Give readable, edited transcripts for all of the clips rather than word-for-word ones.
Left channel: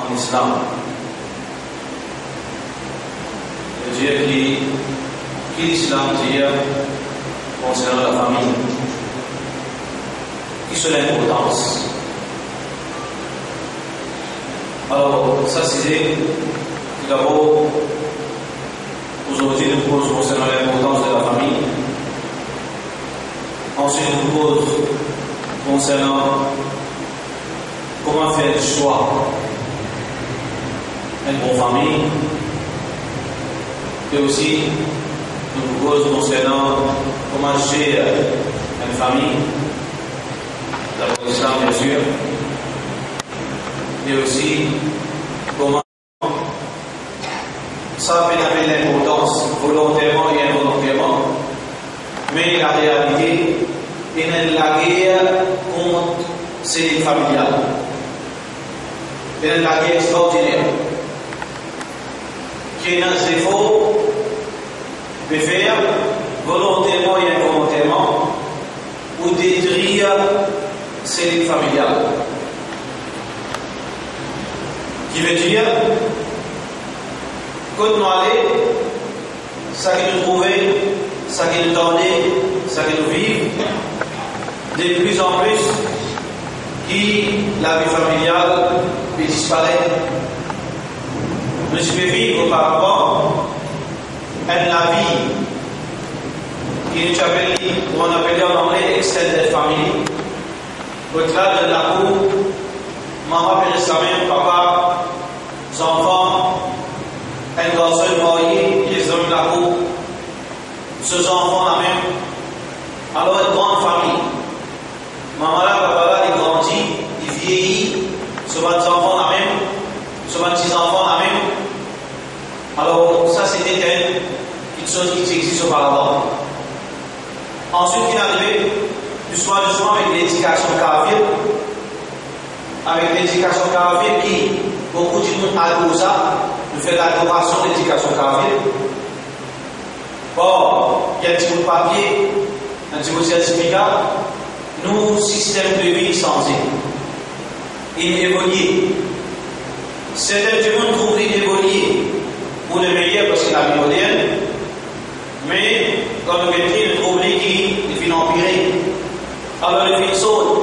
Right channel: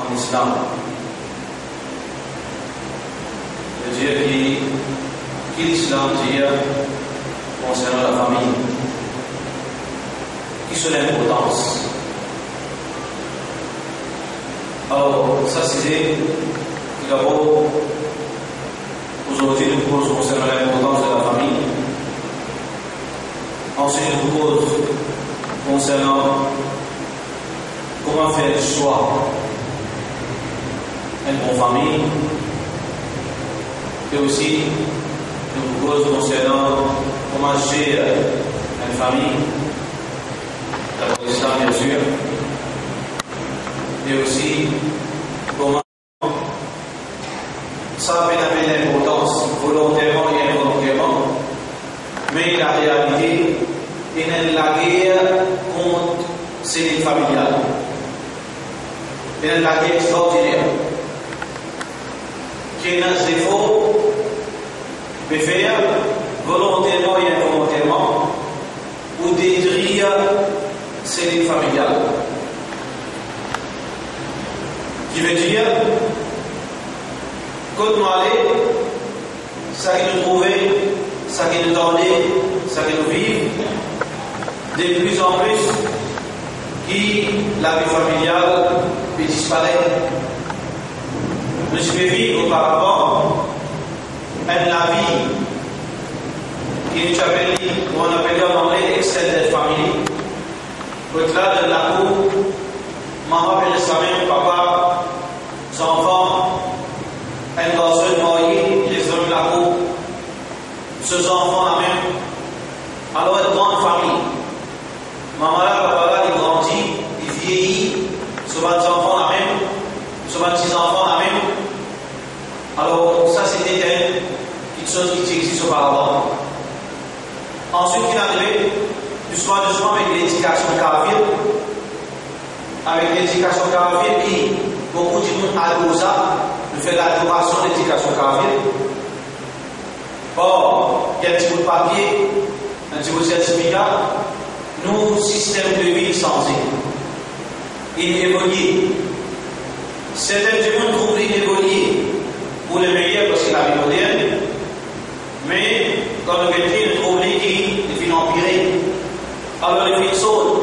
en islam. C'est-à-dire que l'islam dit concernant la famille, qui sont l'importance. Alors, ça c'est tout d'abord, aujourd'hui nous pose concernant l'importance de la famille. Ensuite, nous pose concernant comment faire le choix d'une bonne famille. Et aussi, nous pose concernant comment gérer une famille, d'après l'islam bien sûr, et aussi comment ça fait l'importance volontairement et involontairement, mais la réalité est la guerre contre ces familiales. C'est la guerre extraordinaire qui est un défaut de faire volontairement et involontairement ou détruire ces familiales. Qui veut dire, quand nous allons, ça qui nous trouvait, ça qui nous tendait, ça qui nous vivent, de plus en plus, qui la vie familiale peut disparaître. Nous pouvons vivre auparavant la vie qui nous appelle, on appelle en anglais extended family. Au-delà de la cour, maman peut rester même, papa, les enfants, un garçon marié, les hommes de la cour, ces enfants la même. Alors une grande famille. Maman là, papa là, il grandit, il vieillit, ce sont des enfants la même, ce sont des enfants la même. Alors ça c'était quelque chose qui existe auparavant. Ensuite, il est arrivé doucement avec l'éducation kafir. Avec l'éducation kafir qui, beaucoup de monde adore ça, nous fait l'adoration de l'éducation kafir. Or, il y a un petit bout de papier, un petit bout de certificat, nous, système de vie changé. Il évolue. Certains du monde trouvent évoluer pour le meilleur parce que la vie moderne, mais comme le métier, nous trouvons qui est empiré. Alors, le film saute,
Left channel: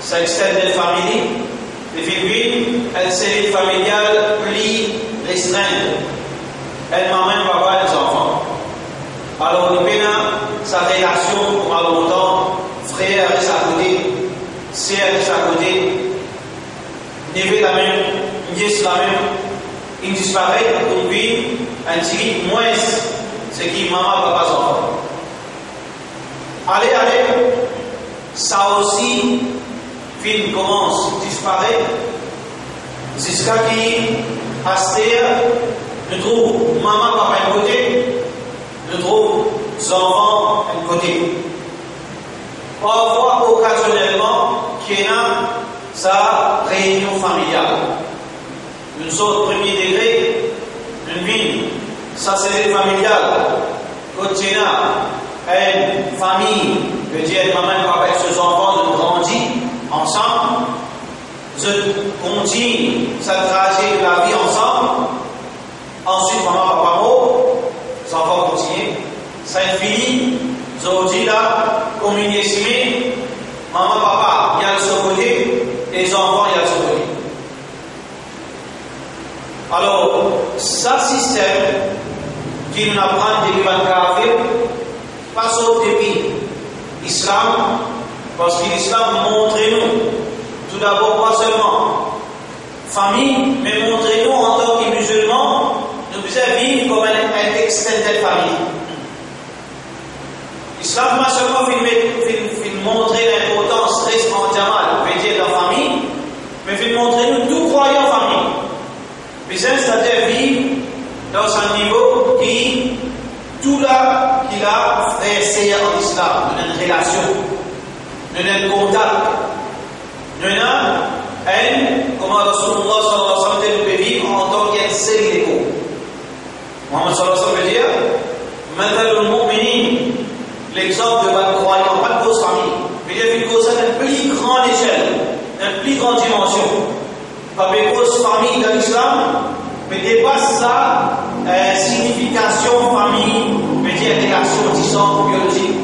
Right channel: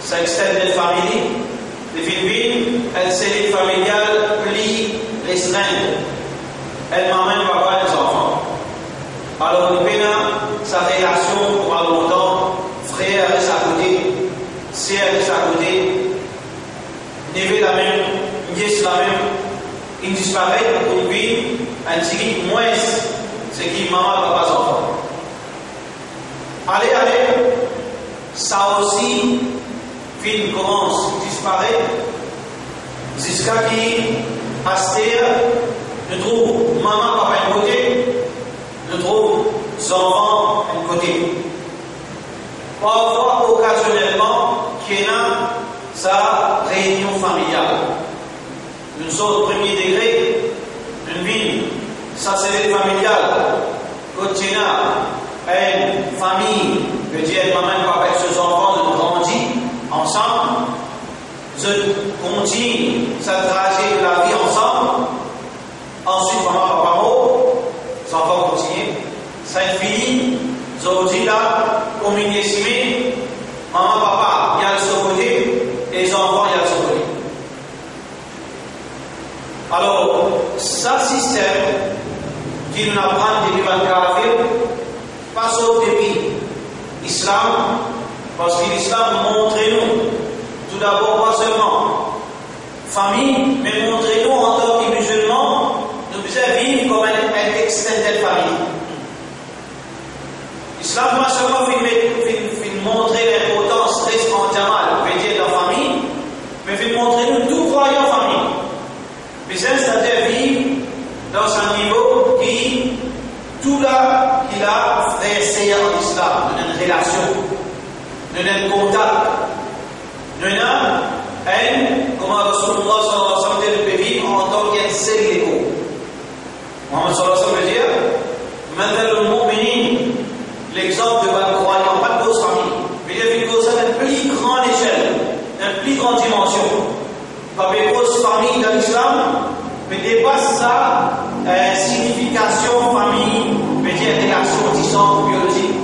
ça externe les familles, le film vide, elle cellule familiale plus restreinte. Elle m'amène papa et les enfants. Alors, le pénal, sa relation, pour longtemps, frère reste à côté, sœur reste à côté, neveu la même, nièce la même, il disparaît pour une vie, un petit moins, c'est qui maman, papa, enfants. Allez, ça aussi, film commence, disparaît, jusqu'à qui, Astère, nous trouve maman, papa, un côté, nous trouve les enfants, un côté. Parfois, occasionnellement, qu'il y a sa réunion familiale. Une sorte premier degré, une vie, sa cellule familiale, quand il y a une famille, veut dire maman et papa et ses enfants, nous grandissent ensemble, je continue cette trajet de la vie ensemble, ensuite maman, papa mort, les enfants continuent, ça finit, aujourd'hui là, communier estimé, maman, papa, il y a de ce côté, et les enfants, il y a de ce côté. Alors, ça système qui nous apprend depuis le kafir, passe au depuis l'islam, parce que l'islam montre-nous, tout d'abord, pas seulement famille, mais montre-nous en tant que musulmans, nous devons vivre comme un extended famille. L'islam pas seulement montrer l'importance reste en jamal, veut dire la famille, mais fait montrer nous tout croyant en famille. Mais c'est-à-dire vivre dans un niveau qui, tout là, qu'il a frère sœur en islam, nous avons une relation, nous avons un contact, nous avons comment Rasulullah sallallahu alayhi wa sallam peut vivre en tant qu'un seul écho. Muhammad sallallahu alayhi wa sallam veut dire, مثل المؤمنين, l'exemple de votre croyant, pas de grosse famille, mais il y a une cause à une plus grande échelle, une plus grande dimension. Pas de grosse cause famille dans l'islam, mais dépasse sa signification famille, mais dire relation disant biologique.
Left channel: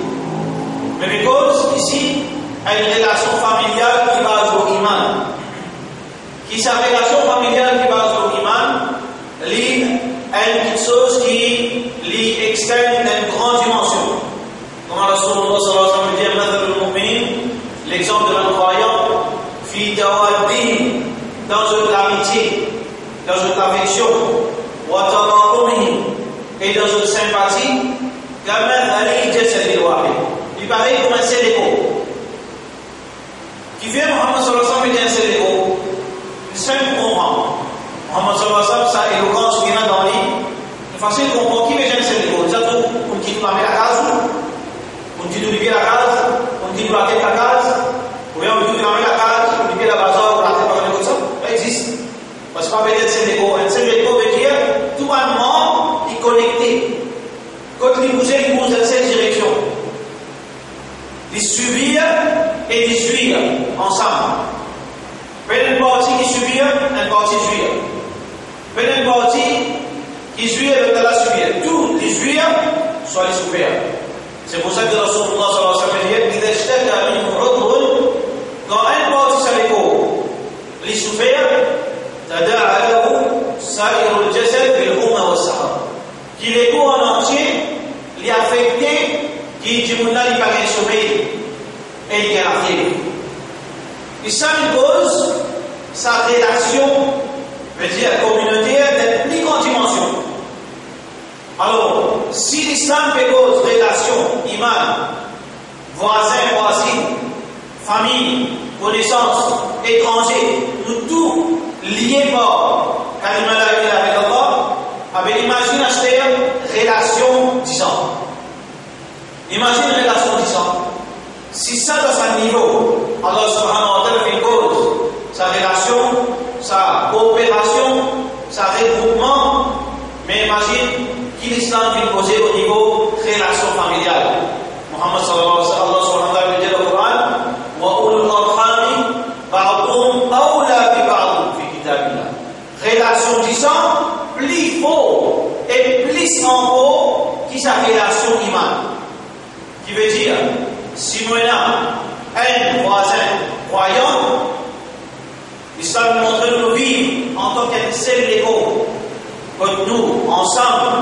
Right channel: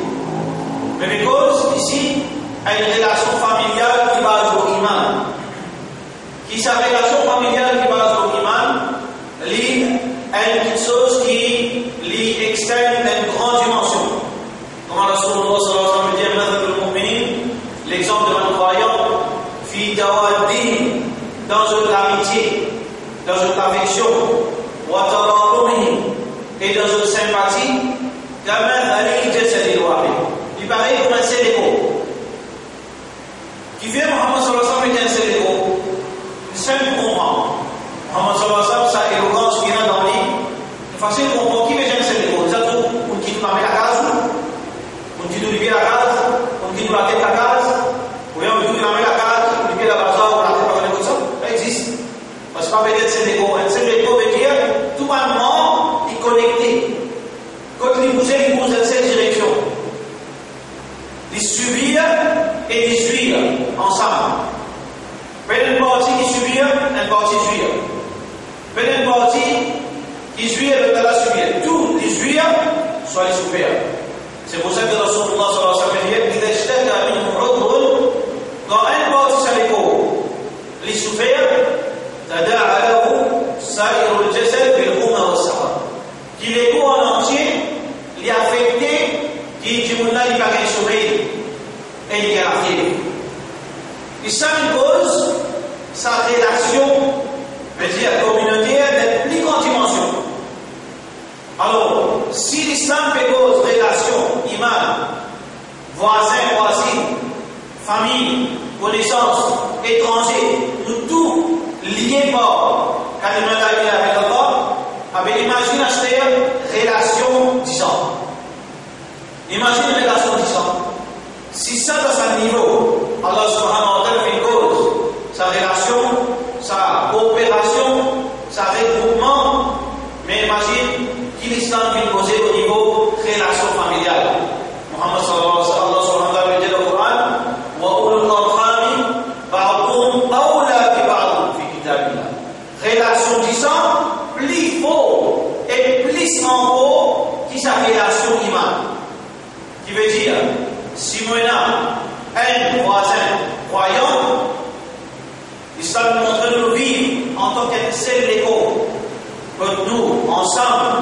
Mais les causes ici, une relation familiale qui base au iman. Qui sa relation familiale qui base au iman, lit une chose qui lit externe une grande dimension. Comme Rasulullah sallallahu alayhi wa sallam dit, l'exemple de un croyant, fi tawaddi, dans une amitié, dans une affection, wa tabarruhi, et dans une sympathie, il paraît comme un seul écho. Qui vient Muhammad sallallahu alayhi wa sallam est un seul écho. Il simple comprend. Muhammad sallallahu alayhi wa sallam, sa éloquence qui est dans lui, c'est facile de comprendre qui est un seul écho. Ça trouve, on dit nous la case, on dit nous la case, on dit nous la case, ou bien on dit nous la case, on dit la bazar, on la tête par le ça. Ça existe. Parce que pas peut-être seul écho. Un seul écho veut dire tout le monde est connecté. Quand il bouge dans cette direction. Les subir et les suivre ensemble. Une partie qui subit, une partie suivre. Une partie qui suit, l'autre la subir. Tout les suivre, soit les subir. C'est pour ça que Rasulullah sallallahu alayhi wa sallam dit quand une partie s'aléco, les subir, qui l'écho en entier, les affecté, qui dit qu'il n'a pas gagné sommeil, et il a la fièvre. Et ça impose sa relation, veut dire communautaire, de plus grande dimension. Alors, si l'islam fait cause relation, iman, voisin, voisine, famille, connaissance, étranger, nous tous liés par kalima la ilaha avec Allah, avec imagine acheter relation 10 ans. Imagine une relation 10 ans. Si ça dans un niveau, Allah subhanahu wa ta'ala fait une cause, sa relation, sa coopération, sa regroupement, mais imagine qui l'islam vient poser au niveau relation familiale. Muhammad sallallahu alayhi wa sallam dit dans le Coran, wa ulul arhami ba'duhum awla bi ba'd fi kitabillah. Relation 10 ans, plus fort et plus en haut qui sa relation iman. Qui veut dire, si moi un voisin croyant, l'islam nous montre de nous vivre en tant qu'un seul écho, que nous, ensemble,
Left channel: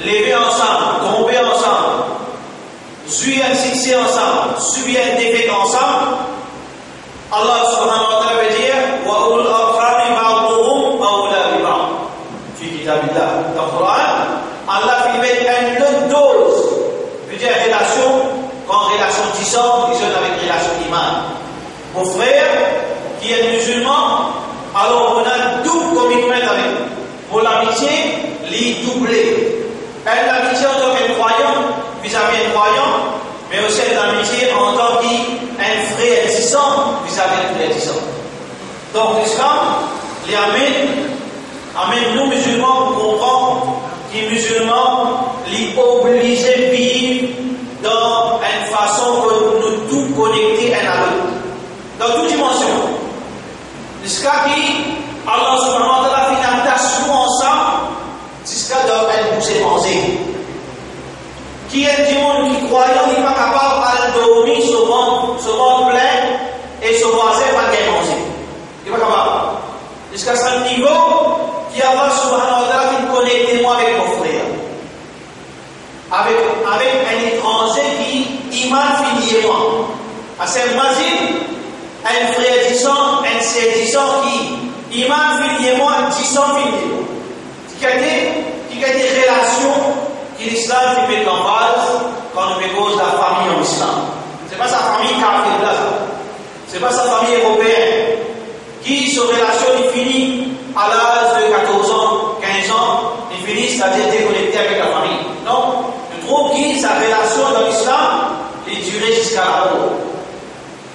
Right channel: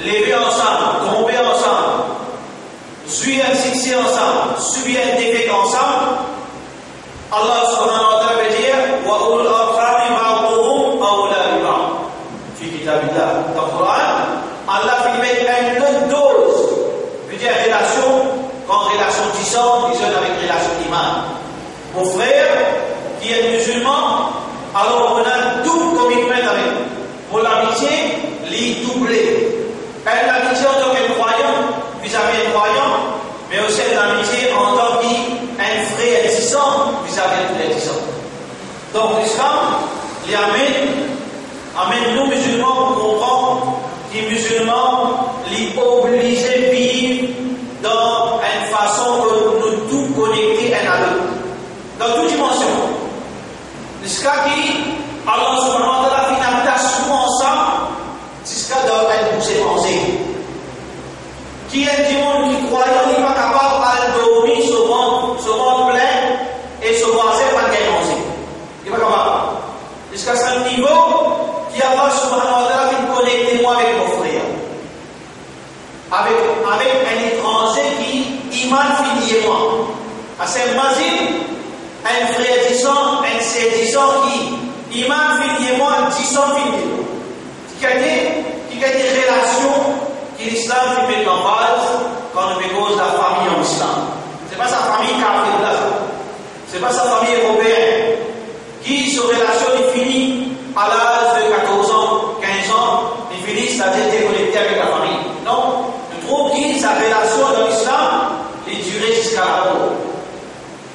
lever ensemble, tomber ensemble, suivre un succès ensemble, subir un défaite ensemble, Allah subhanahu wa ta'ala veut dire, wa ulul arhami ba'duhum awla bi ba'd. Fi kitabillah. Dans le Coran, Allah fait mettre une autre dose, veut dire relation, quand relation 10 ans, ils ont avec relation iman. Mon frère, qui est musulman, alors on a un double commitment avec lui. Pour l'amitié, les doublés. L'amitié en tant que croyant, vis-à-vis un croyant, mais aussi l'amitié en tant qu'un frère existant, vis-à-vis un frère existant. Donc l'islam, les amène nous musulmans pour comprendre que musulmans, les obligés de vivre dans une façon que nous tous connectés un à l'autre. Dans toute dimension. Jusqu'à qui Allah subhanahu wa ta'ala fait une attachement ensemble, jusqu'à dans un bouger pensée. Qui est du monde qui croyant n'est pas capable de dormir ce monde plein et ce voisin pas de manger. Il n'est pas capable. Jusqu'à ce niveau qui Allah subhanahu wa ta'ala fait connecter moi avec mon frère. Avec un étranger qui iman finit moi. C'est imagine un frère disant, un sœur disant qui iman finit moi, disant finit moi. Qui a des relations que l'islam qui met en base quand on met cause la famille en islam. Ce n'est pas sa famille qui a fait là. Ce n'est pas sa famille européenne qui se relation finit à l'âge de 14 ans, 15 ans, il finit c'est-à-dire déconnecté avec la famille. Non. Trouve que sa relation dans l'islam est durée jusqu'à la mort.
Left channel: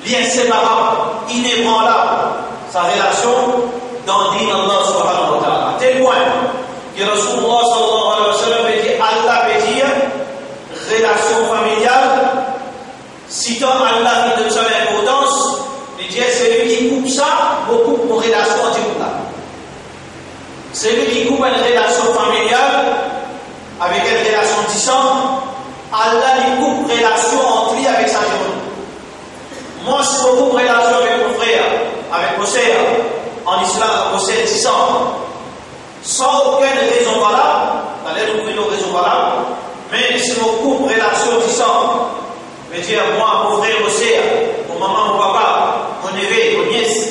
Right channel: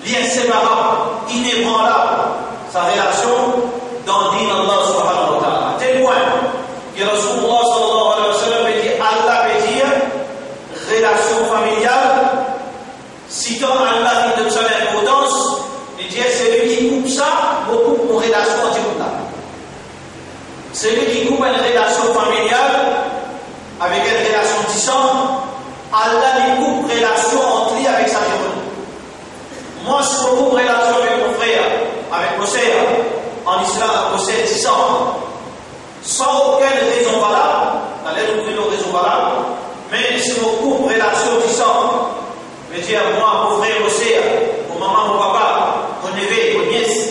L'inséparable, inébranlable, sa relation dans le din d'Allah subhanahu wa ta'ala. À tel point que Rasulullah sallallahu alayhi wa sallam dit Allah veut dire relation familiale. Citant Allah qui donne son importance, il dit celui qui coupe ça, beaucoup pour relation anti-couple. Celui qui coupe une relation familiale avec une relation distante, Allah lui coupe relation entre lui avec sa gémone. Moi, si je coupe relation avec mon frère, avec mon sœur, en islam, mon sœur distante, sans aucune raison valable, d'ailleurs nous prenons raison valable, mais si je coupe relation distante, je veux dire, moi, mon frère, mon sœur, mon maman, mon papa, mon neveu, mon nièce,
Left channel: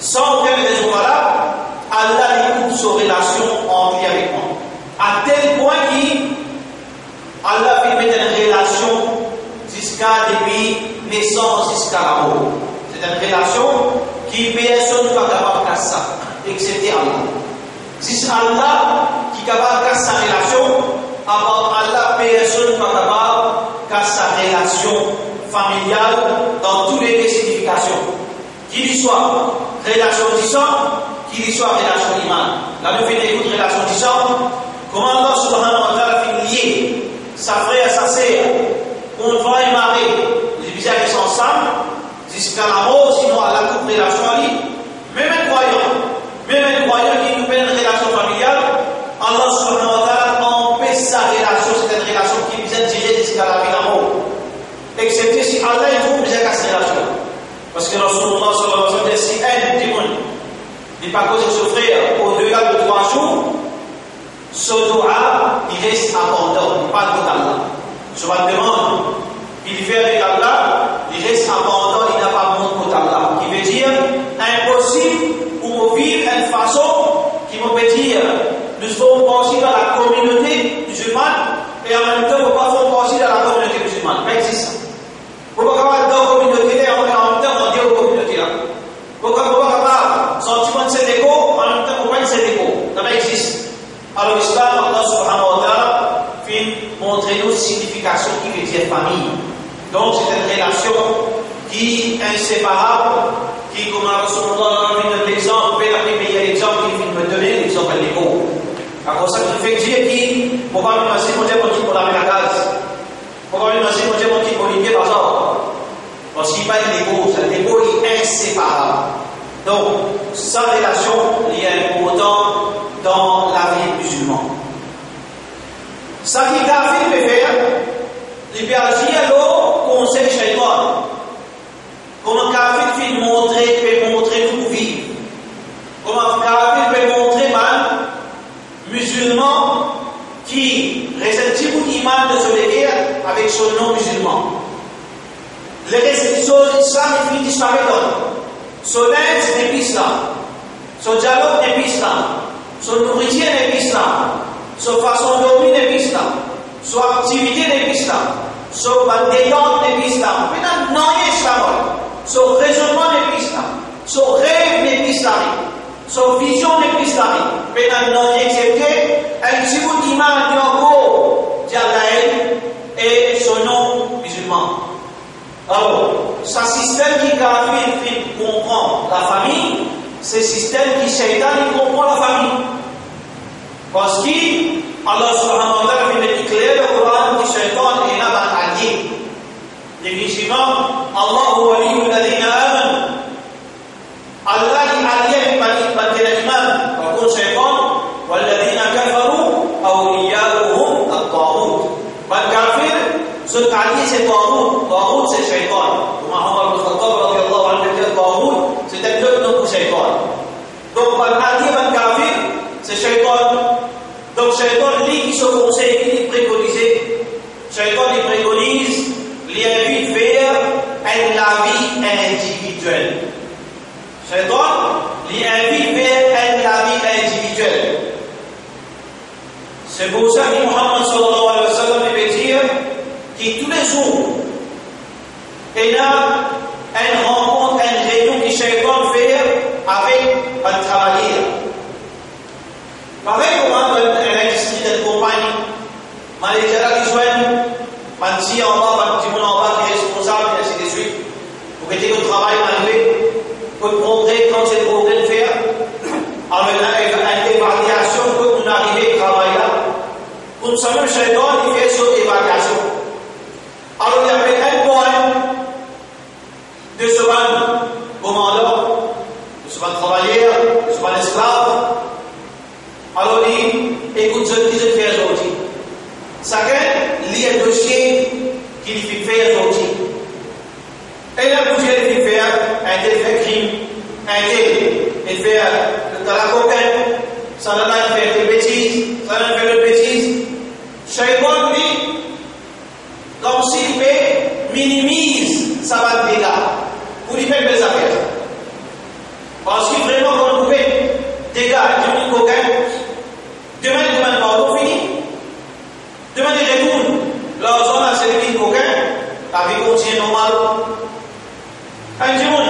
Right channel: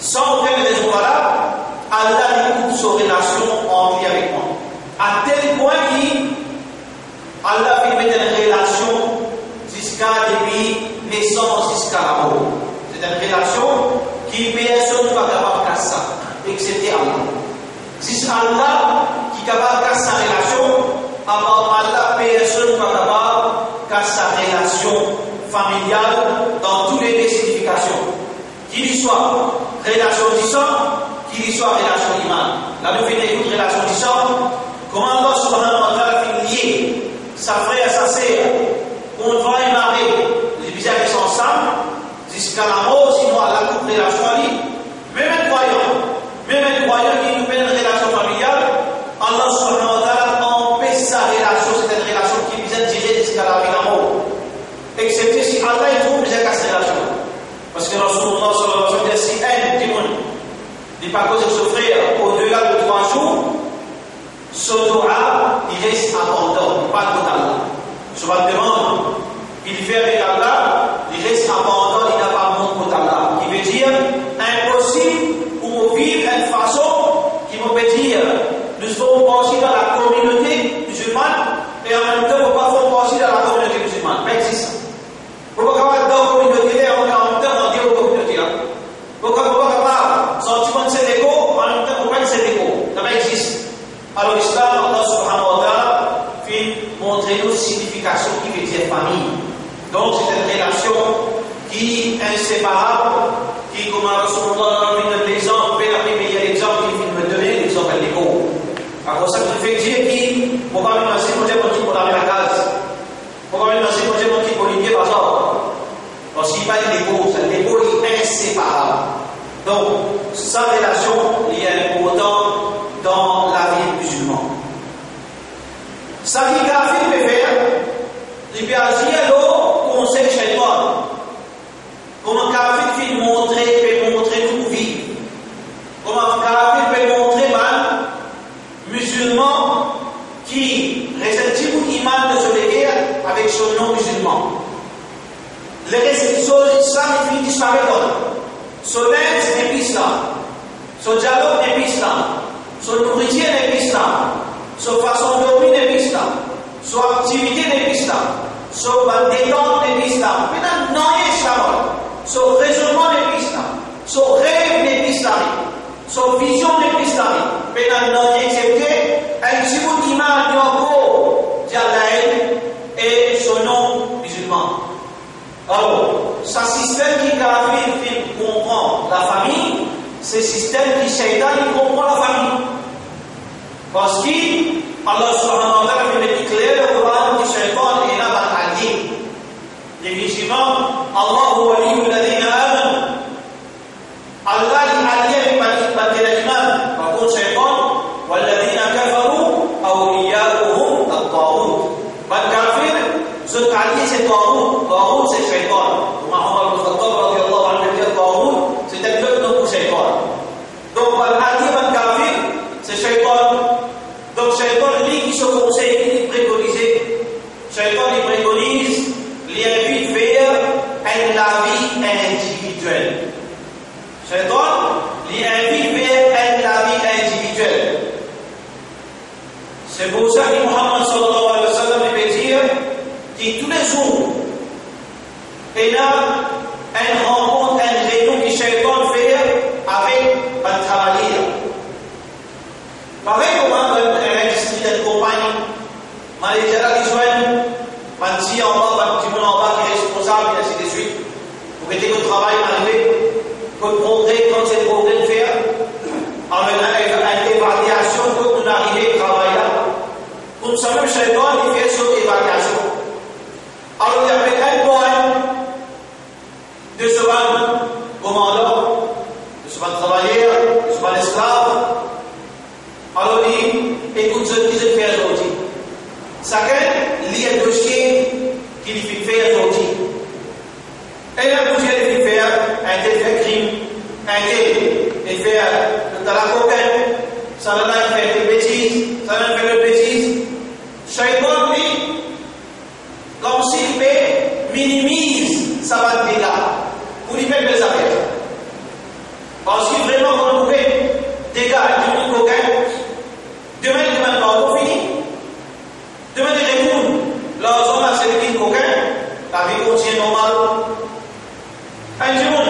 sans aucune raison valable, Allah lui coupe sa relation entre lui avec moi. À tel point qu'Allah fait mettre une relation jusqu'à depuis naissance jusqu'à la mort. C'est une relation qui personne n'est pas capable de casser ça, excepté Allah. C'est Allah qui est capable de casser sa relation, à part Allah, personne n'est pas capable de casser sa relation familiale dans toutes les significations. Qu'il y soit relation du sang, qu'il y soit relation iman. Là, nous faisons une relation du sang. Comment Allah subhanahu wa ta'ala fait lier sa frère, sa sœur, on va y marier, les bizarres qui sont ensemble, jusqu'à la mort, sinon Allah coupe relation à lui. Même un croyant qui coupe une relation familiale, Allah subhanahu wa ta'ala empêche sa relation, c'est une relation qui vient tirer jusqu'à la vie de la mort. Excepté si Allah il trouve déjà cette relation. Parce que Rasulullah sallallahu alayhi wa sallam dit si un démon n'est pas causé ce frère au-delà de 3 jours, ce doua, il reste abandon, pas de Allah. Je me demande, il fait avec Allah, il reste abandon, il n'a pas mon côté Allah. Qui veut dire, impossible pour vivre d'une façon qui me peut dire, nous faisons partie dans la communauté musulmane et en même temps, nous ne faisons pas partie dans la communauté musulmane. Pas existe. Pourquoi on va dans la communauté et en même temps, on dit aux communautés là. Pourquoi on va sentiment de cet écho, en même temps, on va de cet écho. Ça va exister. Alors l'islam, Allah subhanahu wa ta'ala fait montrer nos significations qui veut dire famille. Donc c'est une relation qui est inséparable, qui, comme Rasulullah a donné l'exemple, le meilleur exemple qu'il me donner, l'exemple de l'écho. Alors ça veut dire qu'il ne faut pas me lancer mon Dieu pour laver la case. Il ne faut pas me lancer mon Dieu pour lier par exemple. Parce qu'il n'y a pas de l'écho, l'écho est inséparable. Donc sa relation est importante dans la vie musulmane. Ça qui kafir peut faire, il peut agir le conseil shaitan. Comment kafir peut montrer tout vivre. Comment kafir peut montrer mal musulman qui ressentit beaucoup d'iman de se léguer avec son nom musulman. Les restrictions de l'islam finit disparaître. Son aide n'est plus islam. Son dialogue n'est plus islam. Son nourriture n'est plus islam. Son façon de dormir n'est plus islam. Son activité n'est plus islam. Son détente n'est plus islam. Maintenant, non, il est islam. Son raisonnement n'est plus islam. Son rêve n'est plus islamique. Son vision n'est plus islamique. Maintenant, non, il est excepté un petit bout d'image de encore d'Allah et son nom musulman. Alors, ce système qui comprend la famille, c'est le système qui Shaitan comprend la famille. Parce qu'Allah subhanahu wa ta'ala fait éclairer le Coran que Shaitan est là dans l'allié. Définitivement, Allah huwa waliyyu alladhina amanu. Allah est allié avec l'iman. Par contre, Shaitan, walladhina kafaru awliya'uhum at-taghut. Ban kafir, ce allié c'est Taghut. Taghut c'est Shaitan. Muhammad ibn Khattab radiyallahu anhu dit Taghut, c'est un autre nom pour Shaitan. Donc, ban allié, ban kafir, c'est Shaitan. Donc, Shaitan, lui, qui se conseille, qui préconise, Shaitan, il préconise, il invite vers la vie individuelle. Shaitan, il invite vers la vie individuelle. C'est pour ça que Muhammad sallallahu alayhi wa sallam veut dire que tous les jours, il y a une rencontre, une réunion que Shaitan fait avec un travailleur. Pareil comment l'industrie de compagnie, Malaysia qui soigne, Mansi en bas, Timon en bas qui est responsable, et ainsi de suite. Pour que tu travailles arrivé, que le progrès, quand c'est le progrès de faire, avec une évaluation, que vous arrivez à travailler là. Pour ce même Shaitan, il fait cette évaluation. Alors il y avait un point de ce ban commandant, de ce ban travailleur, de ce ban esclave. ça n'a pas fait de bêtises, ça n'a fait de bêtises. Shaitan, lui, comme s'il minimise sa bande dégâts pour lui faire des affaires. Parce que vraiment, quand on fait des gars qui ont coquin, demain, ils demandent pardon, fini. Demain, ils retournent. Leur zone a servi de coquin, la vie continue normale. Un jour,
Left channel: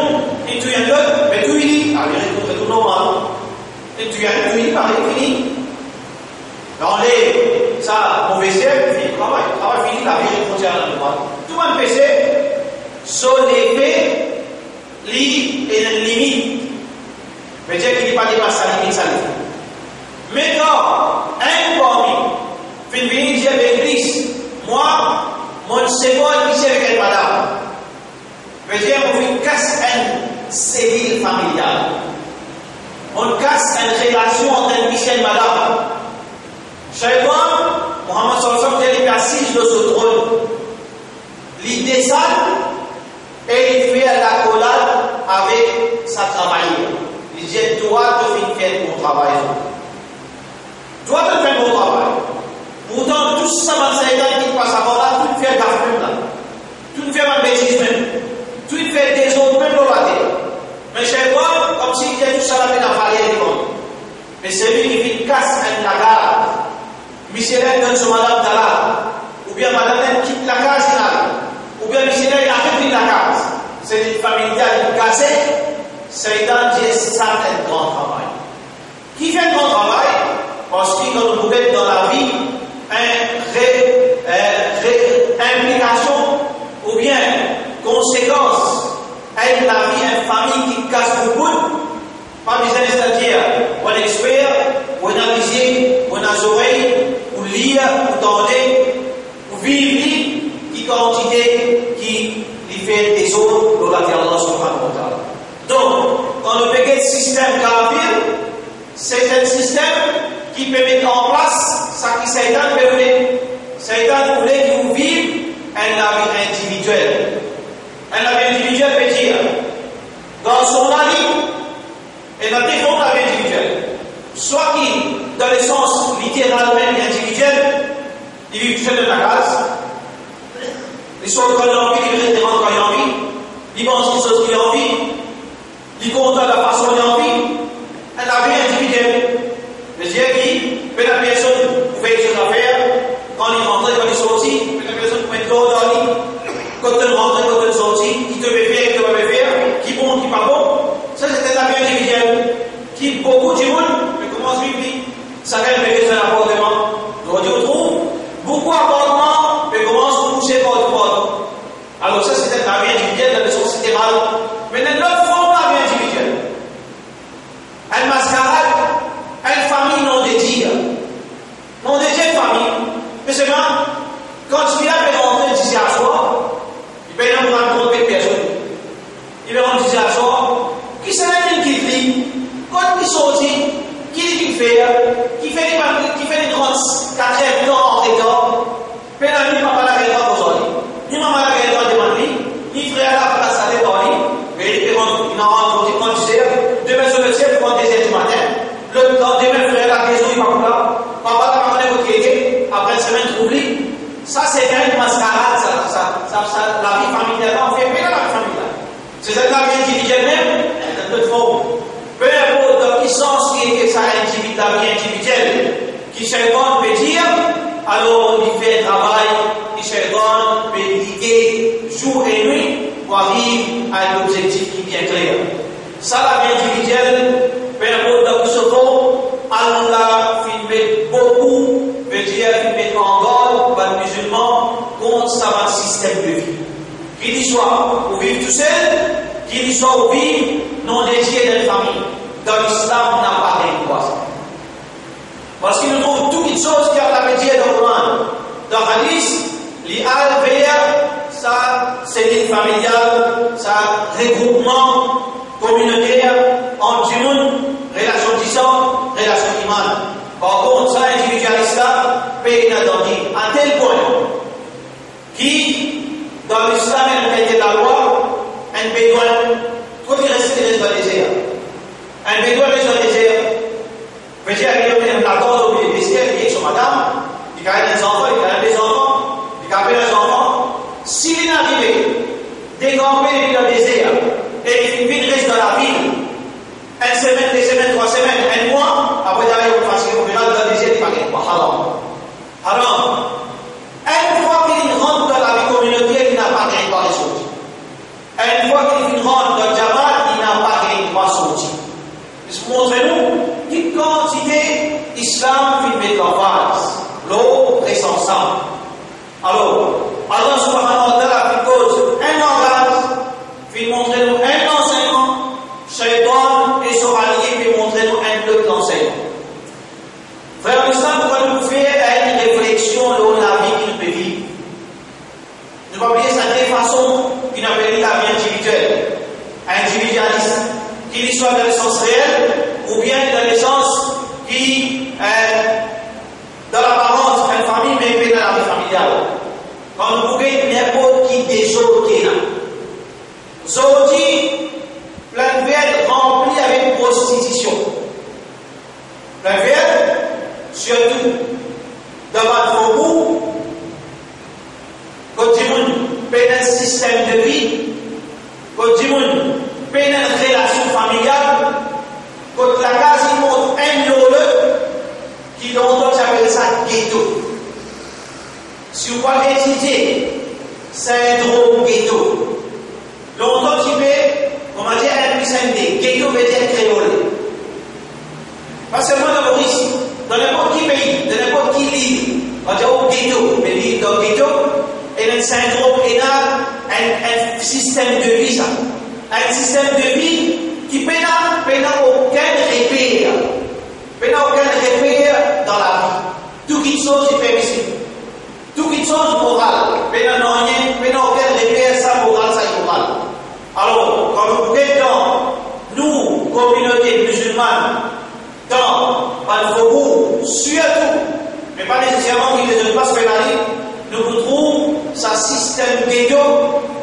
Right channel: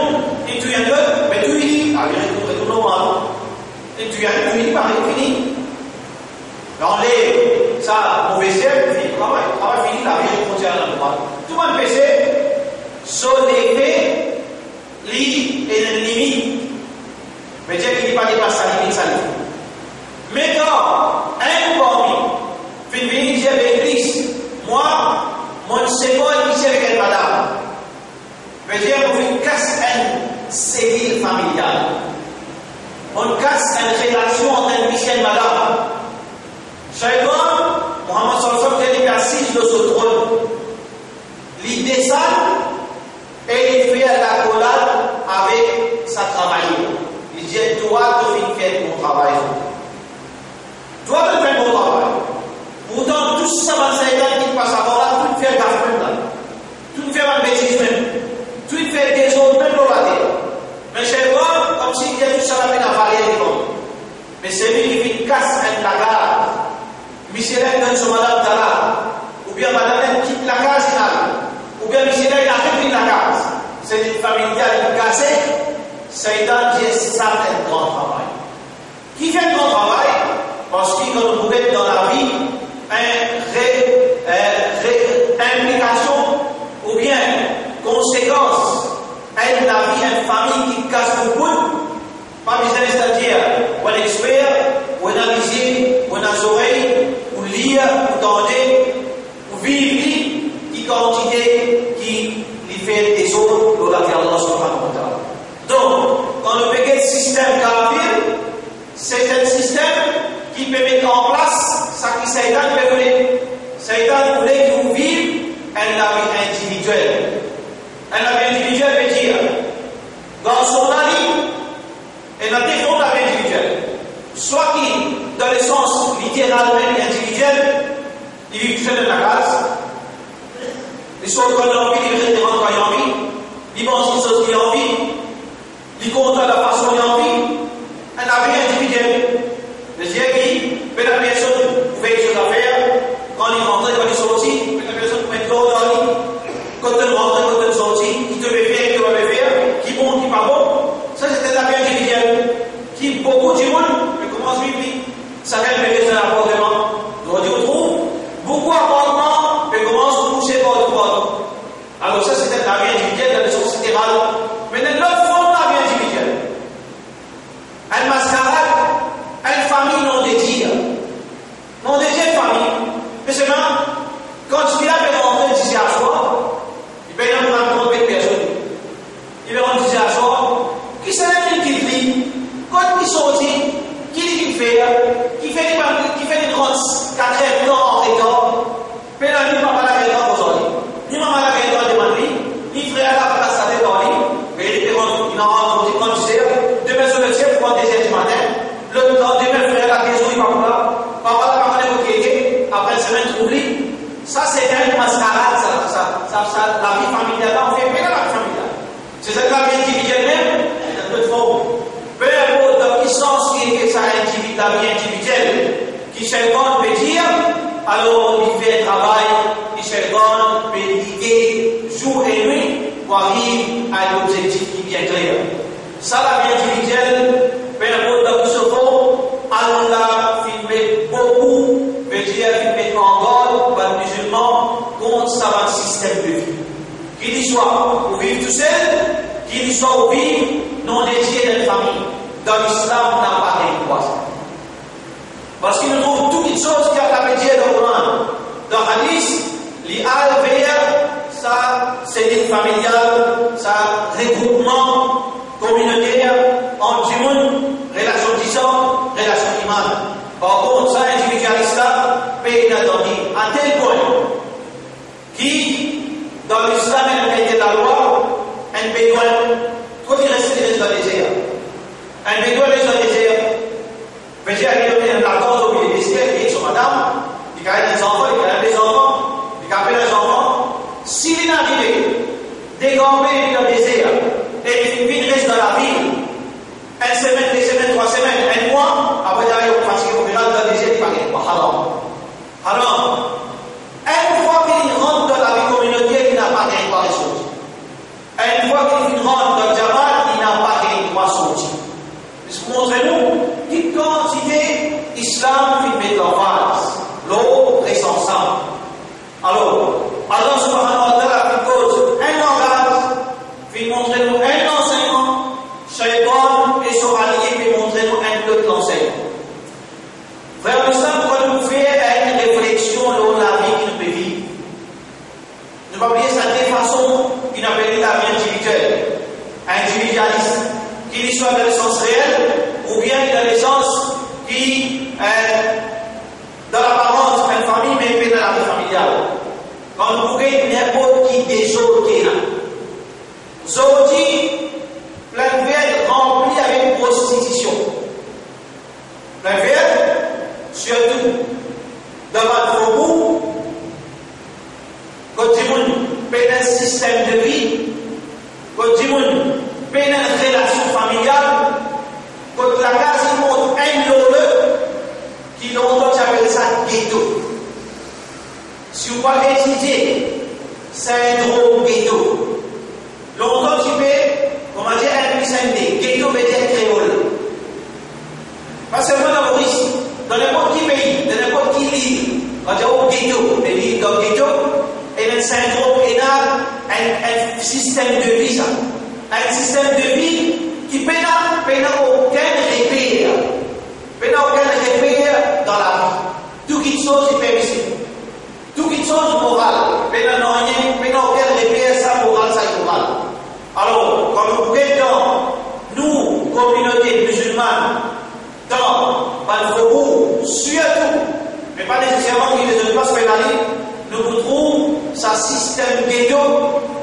il tue un peu, mais tout il dit, la vie retourne normale. Il tue un peu, il dit, pareil, fini. Dans les, ça, mauvais ciel, fini, travail fini, la vie continue normale. Tout le monde fait ça, son effet, lit et une limite. Mais Dieu qui n'est pas dépassé sa limite, ça limite. Maintenant, un parmi, fin venir dire avec l'église, moi, mon second ici avec une madame. Mais Dieu vous casse un cellule familial. On casse une relation entre un fils et une madame. Shaitan, Mohammed sallallahu alayhi wa sallam, il est assis sur ce trône. Il descend et il fait la collade avec sa travailleuse. Il dit, toi, tu fais ton travail. Toi, tu fais ton travail. Pourtant, tout ça, c'est qui passe à là, tu fais gaffe même là. Tu fais une bêtise même. Tu fais des autres même dans la terre. Mais chez toi, comme si il y a tout ça là, dans la vallée des mondes. Mais c'est lui qui fait casse un lagarde. Missionnaire donne son madame d'Allah. Ou bien madame quitte la case là. Ou bien missionnaire il a repris la case. C'est une famille qui est cassée. Satan dit ça fait un grand travail. Qui fait un grand travail? Parce qu'il nous trouve dans la vie une implication ou bien conséquence à la vie, une famille qui casse beaucoup. Pas besoin de c'est-à-dire, on expert, on analyser, on a les oreilles, on lire, on tendre, on vivre, qui quantité, qui lui fait des autres, dans la vie Allah subhanahu wa ta'ala. Donc, quand on fait un système kafir, c'est un système qui peut mettre en place ce que Satan voulait. Satan voulait que vous viviez une vie individuelle. Une vie individuelle veut dire, dans son avis, et la défense de la vie individuelle. Soit qui, dans le sens littéralement individuel, il vit tout seul dans la case, il soit quand il a envie, il reste quand il a envie, il pense aux choses qu'il a envie, il compte à la façon qu'il a envie, et la vie individuelle. Le Dieu qui, la personne pouvait faire des affaires, quand il rentre, quand il sortit, la personne pouvait être dans la vie, quand il rentre, quand il sortit, qui te veut faire, qui te veut faire, qui bon, qui pas bon. Ça c'était la vie individuelle. Qui beaucoup du monde, mais comment se vit? Ça fait un appartement. On dit on trouve beaucoup d'appartements, mais comment se coucher par le monde. Alors ça c'était la vie individuelle dans le sens littéral. Mais dans l'autre forme de la vie individuelle. Elle mascarade, une famille non dédiée. Non dédiée famille. Mais seulement, quand tu viens de rentrer ici à soi, il peut y avoir un compte de personne. Il va rentrer ici à soi. Qui c'est la qui vit? Quand il sortit, qui fait des grandes 4 ans en écart, mais la vie pas la guerre aujourd'hui. Ni maman la guerre devant lui, ni frère la place à devant lui, mais il en rentre quand tu sais, demain sur le ciel, pour 2h du matin, le lendemain frère la maison il va pas là, papa la maman est ok, après une semaine troublée. Ça c'est une mascarade, la vie familiale, on fait bien la vie familiale. C'est cette la vie individuelle même. Peu importe dans quel sens qui est sa la vie individuelle, qui Shaitan peut dire, alors il fait un travail, qui Shaitan peut liguer jour et nuit pour arriver à un objectif qui est bien clair. Ça, la vie individuelle, peu importe dans quel sens, Allah fait beaucoup, veut dire qu'il met en garde par les musulmans contre sa système de vie. Qu'il y soit pour vivre tout seul, qu'il y soit pour vivre non dédié d'une famille. Dans l'islam, on n'a pas d'impoison. Parce qu'il nous trouve toutes les choses qui ont été dites dans le Coran. Dans le hadith, les al-Bayr, ça, c'est une familiale, ça, regroupement communautaire, entre du monde, relation disant, relation iman. Par contre, ça, individualiste, paye inattendu. À tel point, qui, dans l'islam, elle était la loi, un bédouin, quand il restait dans le désert. Un bédouin reste dans le désert, veut dire il y a des enfants, il y a des enfants, il y a des enfants. S'il est arrivé, décamper dans le désert, et il reste dans la ville, une semaine, 2 semaines, 3 semaines, 1 mois, après d'aller au fasciste, on rentre dans le désert, il va gagner quoi? Haram. Une fois qu'il rentre dans la vie communautaire, il n'a pas gagné quoi les sorties. Une fois qu'il rentre dans le Jamaat, il n'a pas gagné quoi sorties. Montrez-nous quelle quantité islam fait mettre en face. L'eau reste ensemble. Alors, Allah subhanahu wa ta'ala fait cause un langage, fait montrer nous un enseignement, Shaitan et son allié fait montrer nous un autre enseignement. Frère l'islam, quand nous faisons une réflexion sur la vie qu'il peut vivre, ne pas oublier ça de façon qu'il appelle la vie individuelle, individualiste, qu'il soit dans le sens réel ou bien dans le sens qui, dans l'apparence, une famille, mais dans la vie familiale. Quand vous pouvez n'importe qui des autres qui est là. Zodi, plein de verres remplis avec prostitution. Plein de verres, surtout devant le faubourg, quand tu as un système de vie, quand tu as une relation familiale, quand la case il montre un lolo, qui longtemps j'appelle ça ghetto. Si vous voulez étudier syndrome ghetto, longtemps tu peux, comment dire, un plus un D, ghetto veut dire créole. Pas seulement dans Maurice, dans n'importe qui pays, dans n'importe qui ville, on dit oh ghetto, mais vivre dans ghetto, et un syndrome énorme, un système de vie, ça. Un système de vie qui n'a aucun repère. Aucun repère dans la vie. Tout qui chose est permissible. Tout qui chose morale. Aucun repère, ça moral, ça immoral. Alors, quand vous êtes dans nous, communauté musulmane, dans le faubourg, surtout, mais pas nécessairement qu'il ne pas se pénaliser, nous trouvons ce système ghetto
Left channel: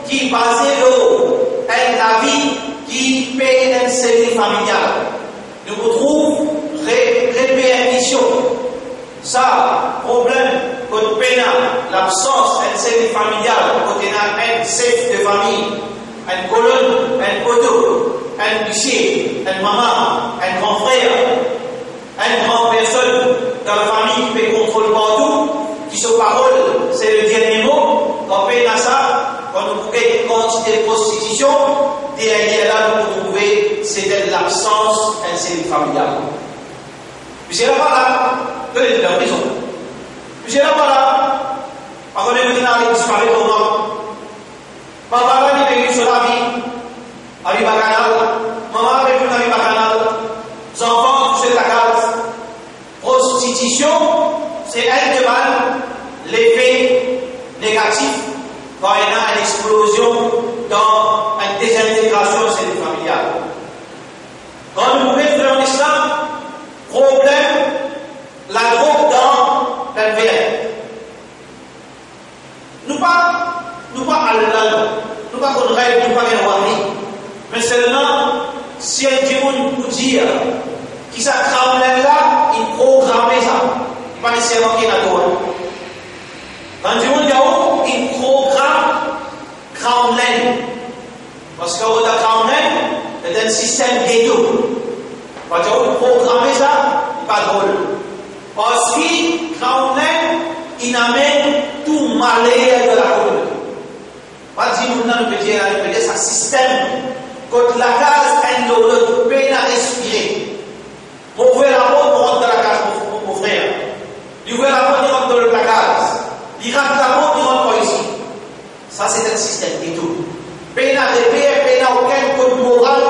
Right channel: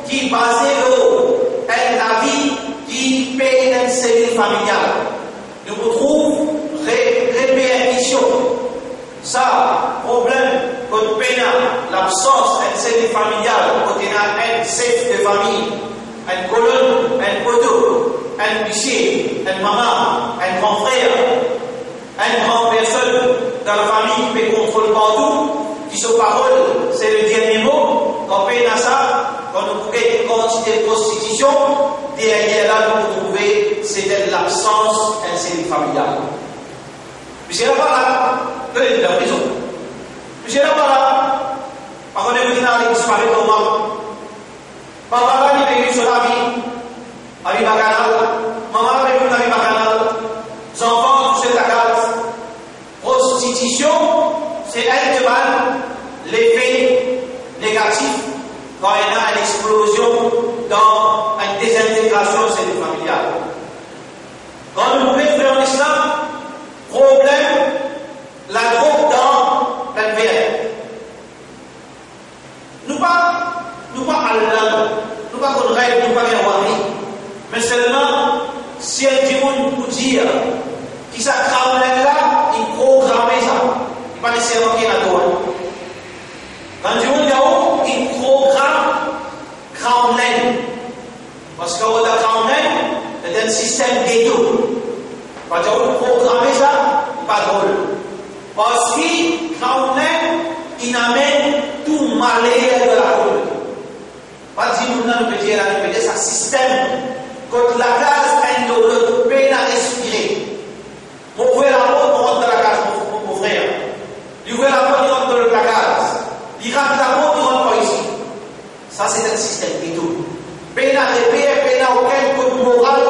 qui est basé sur la vie qui paye une cellule familiale. Nous retrouvons répercussion. Ça, problème, quand on a l'absence d'une cellule familiale, quand on a un chef de famille, une colonne, un poteau, un huissier, une maman, un grand frère, une grande personne dans la famille qui peut contrôler partout, qui se parole, c'est le dernier mot, quand on a ça, quand nous pouvons quantité de prostitution, derrière là, nous trouvons c'est de l'absence d'une cellule familiale. Monsieur là-bas là, tenez de la prison. Monsieur là-bas là, par contre, vous n'allez disparaître au monde. Papa là, il est sur la vie, avec bacchanal, maman avec vous avec bacchanal, les enfants touchent la case. Prostitution, c'est un de mal, l'effet négatif. Quand il y a une explosion dans une désintégration de cellule familiale. Quand nous pouvons faire en islam, problème, la drogue dans la verre. Nous pas Allah, nous pas qu'on rêve, nous pas qu'on wari. Mais seulement, si un démon nous dire, qui ça crame là, il programme ça. Il pas nécessairement qu'il y a la drogue. Quand Dieu dit il programme Crown Lane. Parce que le Crown Lane est un système ghetto. Quand Dieu programme ça, il n'est pas drôle. Parce que Crown Lane, il amène tout malheur de la communauté. Pas dire nous ne peut dire c'est un système. Quand la case est dans l'autre, peine à respirer. On ouvre la porte, on rentre dans la case, mon frère. Il ouvre la porte, il rentre dans la case. Il rentre la porte, il rentre pas ici. Ça, c'est un système ghetto. Peine à repère, peine à aucun code moral,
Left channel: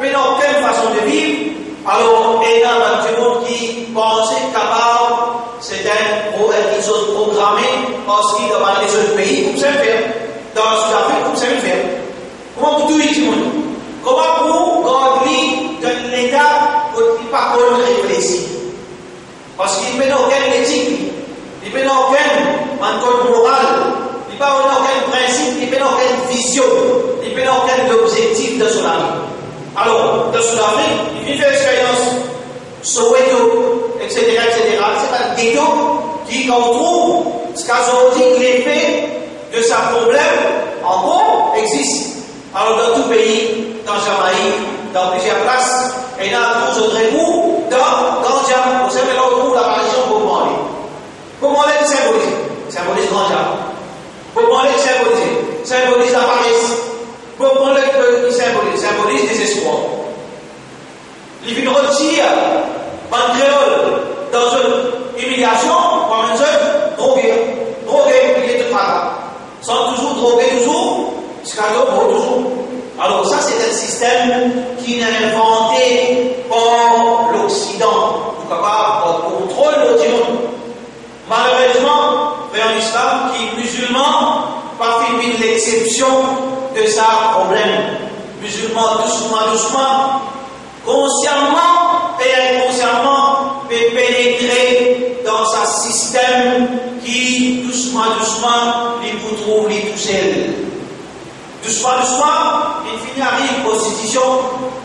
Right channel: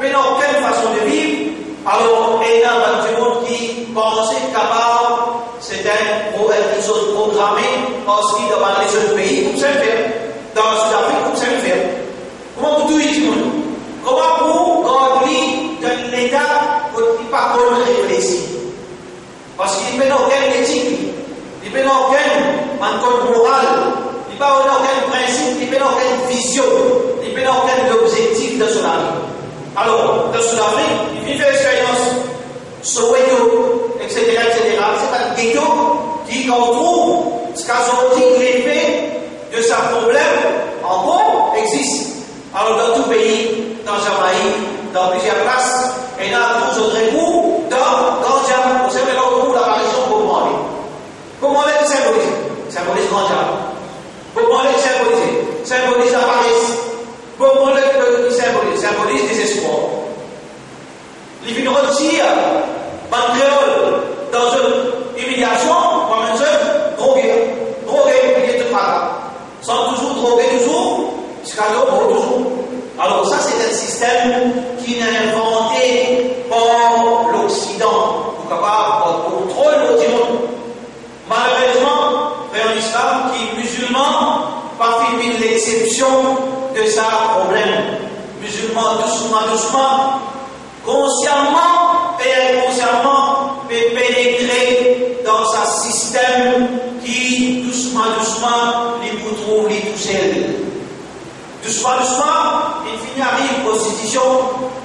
peine à aucune façon de vivre. Alors, il y a un monde qui pense capable, c'est une chose programmée, parce qu'il dans les autres pays, comme ça le faire. Dans le Sud-Afrique, comme ça le faire. Comment vous dites tout le monde? Comment vous gardez dans l'état où il n'y a pas de réfléchir? Parce qu'il n'y a aucune éthique, il n'y a aucun code moral, il n'y a aucun principe, il n'y a aucune vision, il n'y a aucun objectif dans son vie. Alors, dans Sud-Afrique, il fait l'expérience, Soweto, etc., etc. C'est un ghetto qui qui qu'on trouve, ce qu'on dit l'effet de ce problème, en gros, existe. Alors dans tout pays, dans Jamaïque, dans plusieurs places, et dans tous autres bouts, dans Jam, vous savez, là où l'apparition de Bob Marley. Bob Marley symbolise grand Jam. Bob Marley symbolise la paresse. Bob Marley symbolise désespoir. Les vignes retire, ban créole, dans une humiliation, comme une seule, drogué, il est tout malade. Sans toujours droguer, toujours, scandale, toujours. Alors ça, c'est un système qui n'est inventé par l'Occident, pour capable de contrôler l'Occident. Malheureusement, en islam, qui est musulman, pas fait l'exception de ça problème. Musulman, doucement, consciemment et inconsciemment, peut pénétrer dans un système qui, doucement, les vous trouve, les toucher. Doucement, il finit arrive prostitution.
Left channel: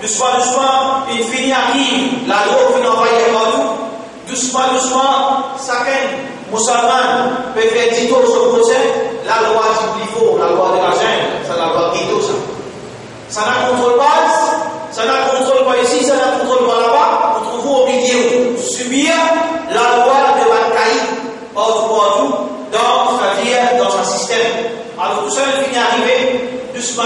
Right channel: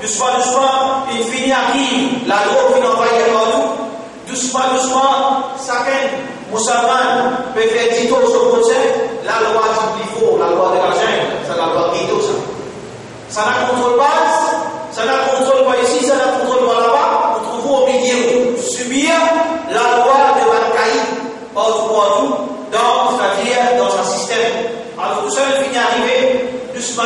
Doucement, il finit arrive la drogue qui n'envoie partout. Doucement, chacun, musulman, peut faire 10 tours sur le procès. La loi dit qu'il faut, la loi de la jungle, c'est la loi de Guido, ça. Ça n'a contrôle pas, ça n'a contrôle pas ici, ça n'a contrôle pas là-bas. Vous trouvez au milieu, subir la loi de Bakaï, partout, c'est-à-dire dans un système. Alors tout ça, il finit arriver. Doucement,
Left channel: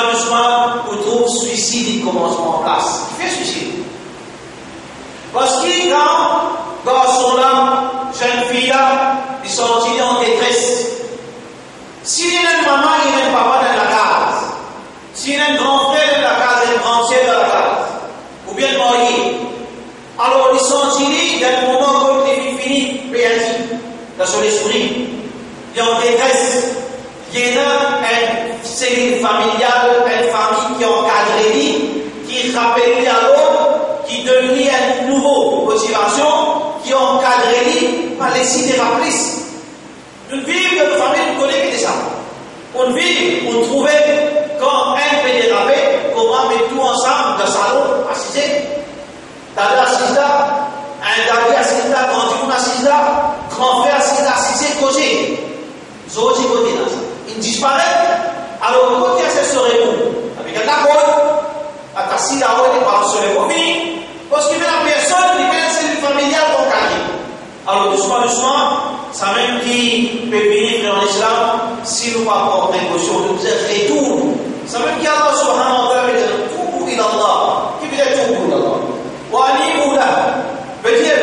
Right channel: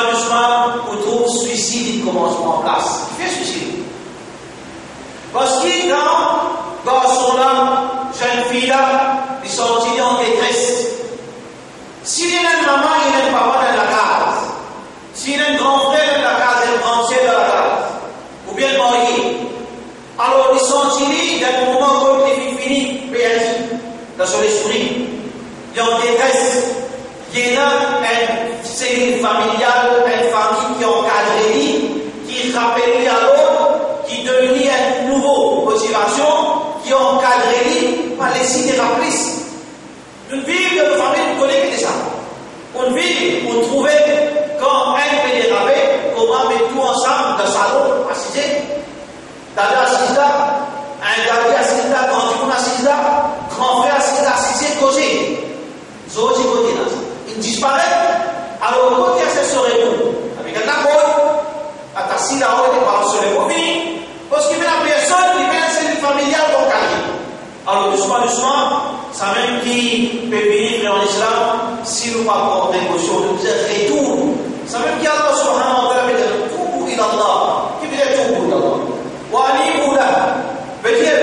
on trouve suicide qui commence en place. Qui fait suicide? Parce que quand garçon-là, jeune fille-là, ils sont en détresse. S'il y a une maman, il y a un papa dans la case. S'il y a un grand frère dans la case, un grand sœur dans la case. Ou bien marié. Alors ils sont tirés d'un moment comme les fini, péanti, dans son esprit. Il y a en détresse. Il y a une cellule familiale, une famille qui encadre lui, qui rappelle à l'autre, qui donne lui une nouvelle motivation, qui encadre lui, par les signes de rapplices. Une vie de famille, on connaît que ça. Une vie, on trouvait, quand un peut déraper, comment mettre tout ensemble dans le salon, assisé. Dada assise là, un daddy assise là, grand dieu assise là, grand frère assisé, côté. Zoti côté là. Il disparaît. Alors, côté à ce serait bon. Avec un accord, à ta scie là-haut, il parle sur les mobiles. Parce qu'il y a la personne qui vient de cellule familiale pour carrière. Alors, doucement, ça même qui peut venir en islam, si nous ne pas prendre précaution, nous retourne. Ça même qui a Allah subhanahu wa ta'ala veut dire tout il Allah. Qui veut dire tout il Allah? Wa ali'ula. Veut dire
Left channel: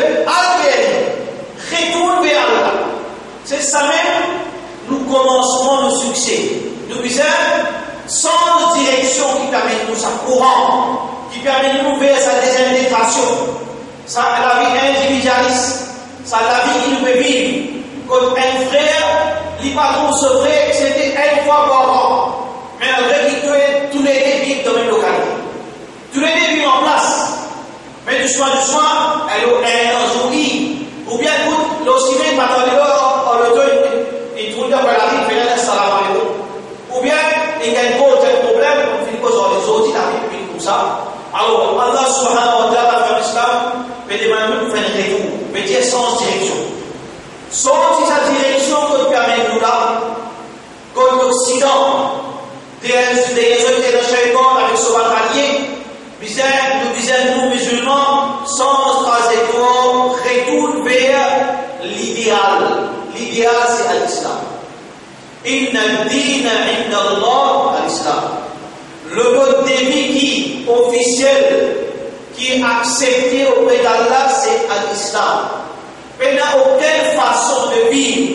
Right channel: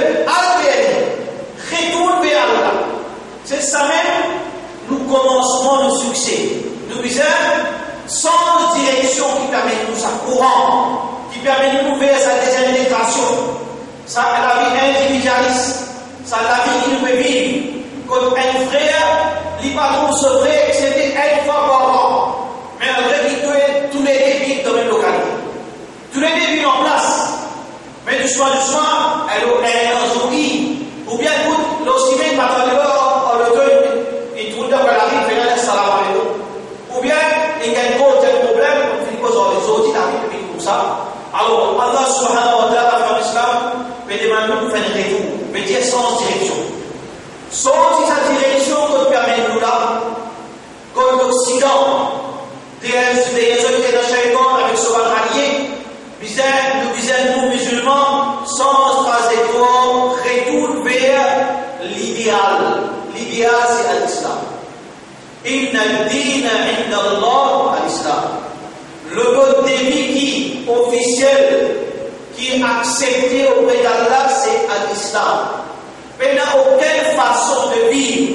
retourne vers Allah. C'est ça même. Nous commencerons le succès. Nous disons, sans direction qui permet de nous à courant, qui permet de nous faire sa désintégration, ça la vie individualiste, ça la vie qui nous peut vivre. Comme un frère, il pas trop ce frère, c'était une fois par an. Mais un vrai qui doit tous les débuts dans la même localité. Tous les débuts en place. Mais doucement, elle est en journée. Ou bien, écoute, l'occimène, maintenant, le temps, il trouve dans la vie, il fait un salam alaikum. Ou bien, il y a un problème, il pose les autres, il arrive comme ça. Alors, Allah subhanahu wa ta'ala, dans l'islam, peut demander de faire un retour, peut dire sans direction. Sans sa direction, qu'on permet de nous là, comme l'Occident, des autorités de Shaitan avec ce allié, nous musulmans, sans trajectoire, retourne vers l'idéal. L'idéal, c'est l'islam. Inna ad-dina 'inda Allah al-Islam. Le mode de vie qui officiel, qui est accepté auprès d'Allah, c'est l'islam. Mais il n'y a aucune façon de vivre,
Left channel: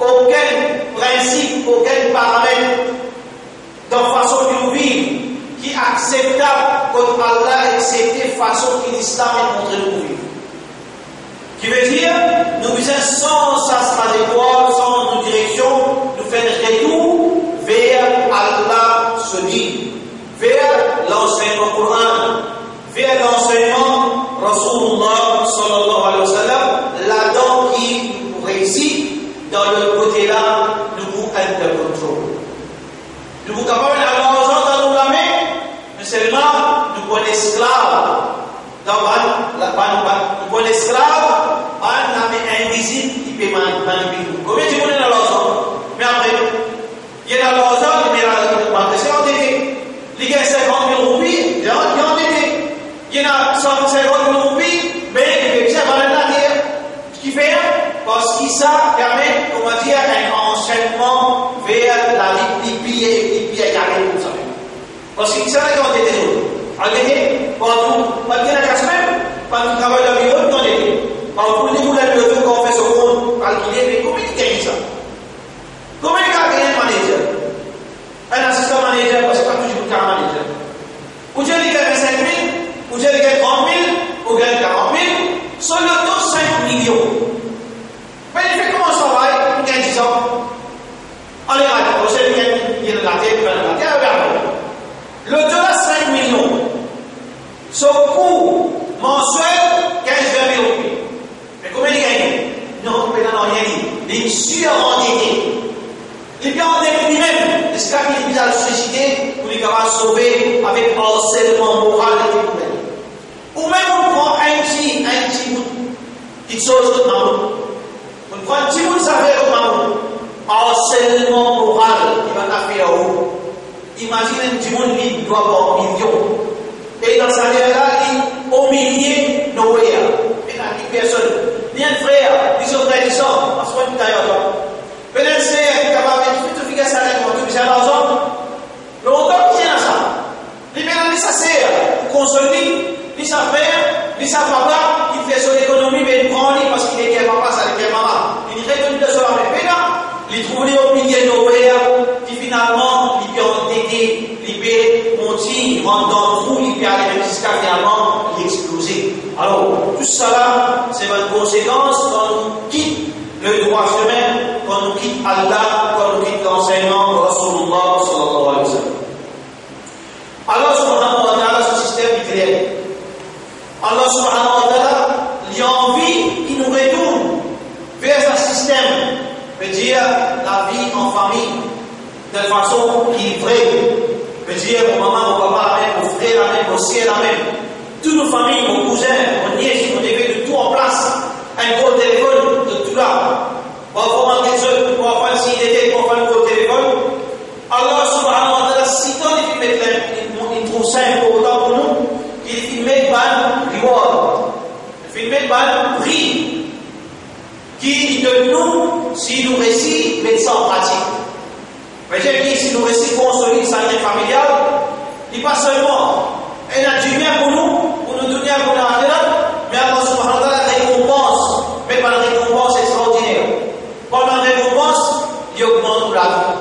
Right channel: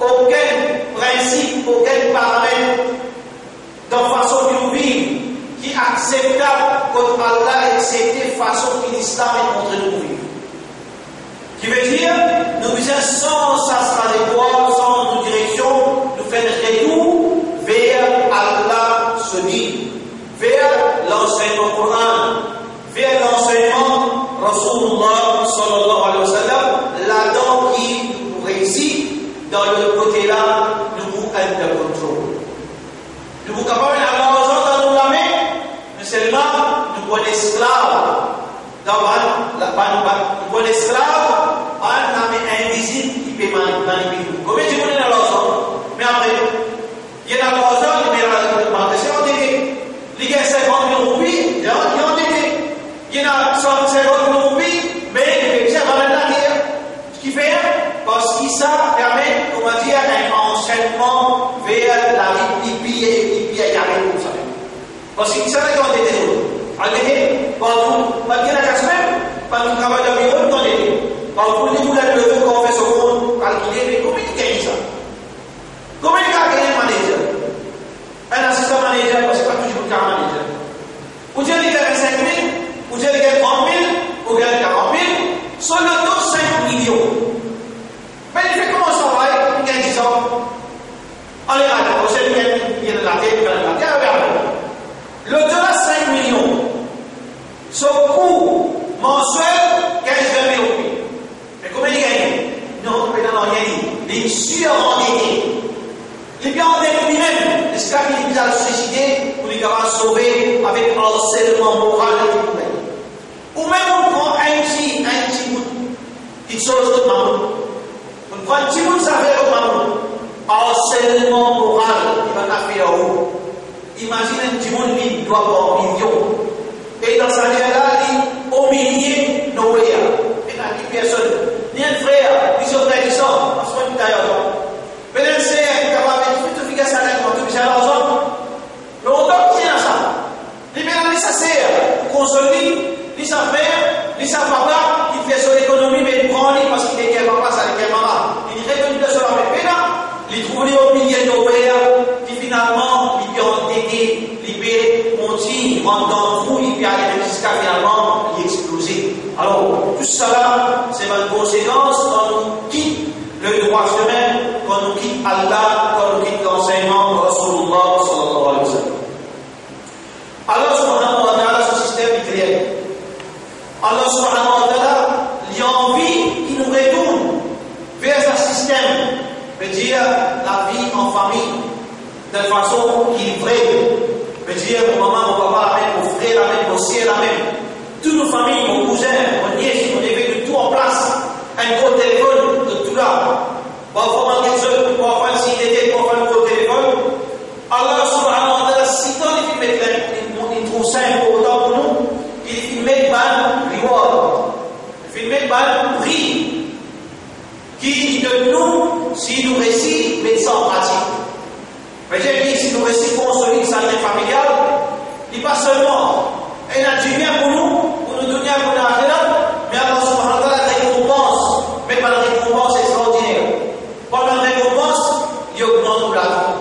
aucun principe, aucun paramètre de façon de vivre qui est acceptable quand Allah accepte la façon que l'islam est montré de vivre. Qui veut dire, nous faisons sans sa trajectoire, sans nos directions, nous faisons un retour vers Allah se dit, vers l'enseignement Coran, vers l'enseignement Rasulullah sallallahu alayhi wa sallam, là-dedans qui nous réussit, dans le côté-là, nous vous under control. Nous vous capables d'avoir dans nos mains, mais seulement nous sommes esclaves. Dans nous sommes esclaves, on a invisible qui peut dans les pays. Combien de monde dans l'argent? Mais après, il y a dans l'argent, mais la banque c'est endetté. Il y a 50 000 roupies, il y a endetté. Il y a 50 000 roupies, mais il y a dans la terre. Ce qui fait, parce que ça permet, on va dire, un enchaînement vers la vie qui pille et qui pille comme ça. Parce que ça n'a pas endetté. Endetté, pas bien la casse même, pas de travail de bureau, non endetté. Par contre, vous l'avez levé quand on fait ce compte, calculer, mais combien de gagne ça? Combien de gagne un manager? Un assistant manager, parce que c'est pas toujours un manager. Ou tu gagne 5 000, ou tu gagne 30 000, ou gagne 40 000, sur le taux 5 millions. Mais il fait comment ça va? Il gagne 10 ans. Allez, on sait qu'il y a de la tête, regarde. Le taux 5 millions. Son coût mensuel, 15 000 roupies. Mais combien il gagne? Non, il n'a rien dit. Il est surendetté. Il est bien endetté lui-même. Est-ce qu'il est bien à se suicider pour lui sauver avec harcèlement moral et tout? Ou même on prend un petit bout, petite chose de maman. On prend un petit bout de sa vie de maman. Harcèlement moral, il va taper à haut. Imagine un petit monde qui doit avoir millions. Et dans sa vie-là, il au millier, Noé. Et là, il personne. Ni un frère, ni son frère, ni son. Parce qu'on est d'ailleurs. Peut-être c'est capable de faire ça avec moi, tout l'argent. Le montant qui est ça. Il vient de sa sœur, pour consolider, ni sa mère, ni sa papa, il fait son économie, mais il prend parce qu'il est quel papa, ça avec quel maman. Il retourne de cela, mais il trouve les au millier Noé, qui finalement, il peut endetté, il peut monter, il rentre dans le trou, il peut aller jusqu'à finalement, il explose. Alors, tout ça là, c'est une conséquence quand on quitte le droit chemin, quand on quitte Allah, quand on quitte l'enseignement de Rasulullah sallallahu alayhi wa sallam. Allah subhanahu wa ta'ala, ce système est clair. Allah subhanahu wa ta'ala, il y a envie qu'il nous retourne vers un système, veut dire la vie en famille, de façon qui est vraie. Veut dire mon maman, mon papa, la même, mon frère, la même, mon sœur, la même. Toutes nos familles, mon cousin, mon nièce, on avait de tout en place. Un gros téléphone, de tout là. Parfois, on quelque chose, parfois, s'il était, parfois, un gros téléphone. Allah subhanahu wa ta'ala, si tant il trouve ça important pour nous, il met ban reward. Il met ban prix. Qui de nous, si nous réussissons, met ça en pratique. Mais j'ai dit, si nous réussissons construire sa vie familiale, il pas seulement, il a du bien pour nous donner un bon argent, mais Allah subhanahu wa ta'ala récompense, mais pas une récompense extraordinaire. Pas une récompense, il augmente la vie.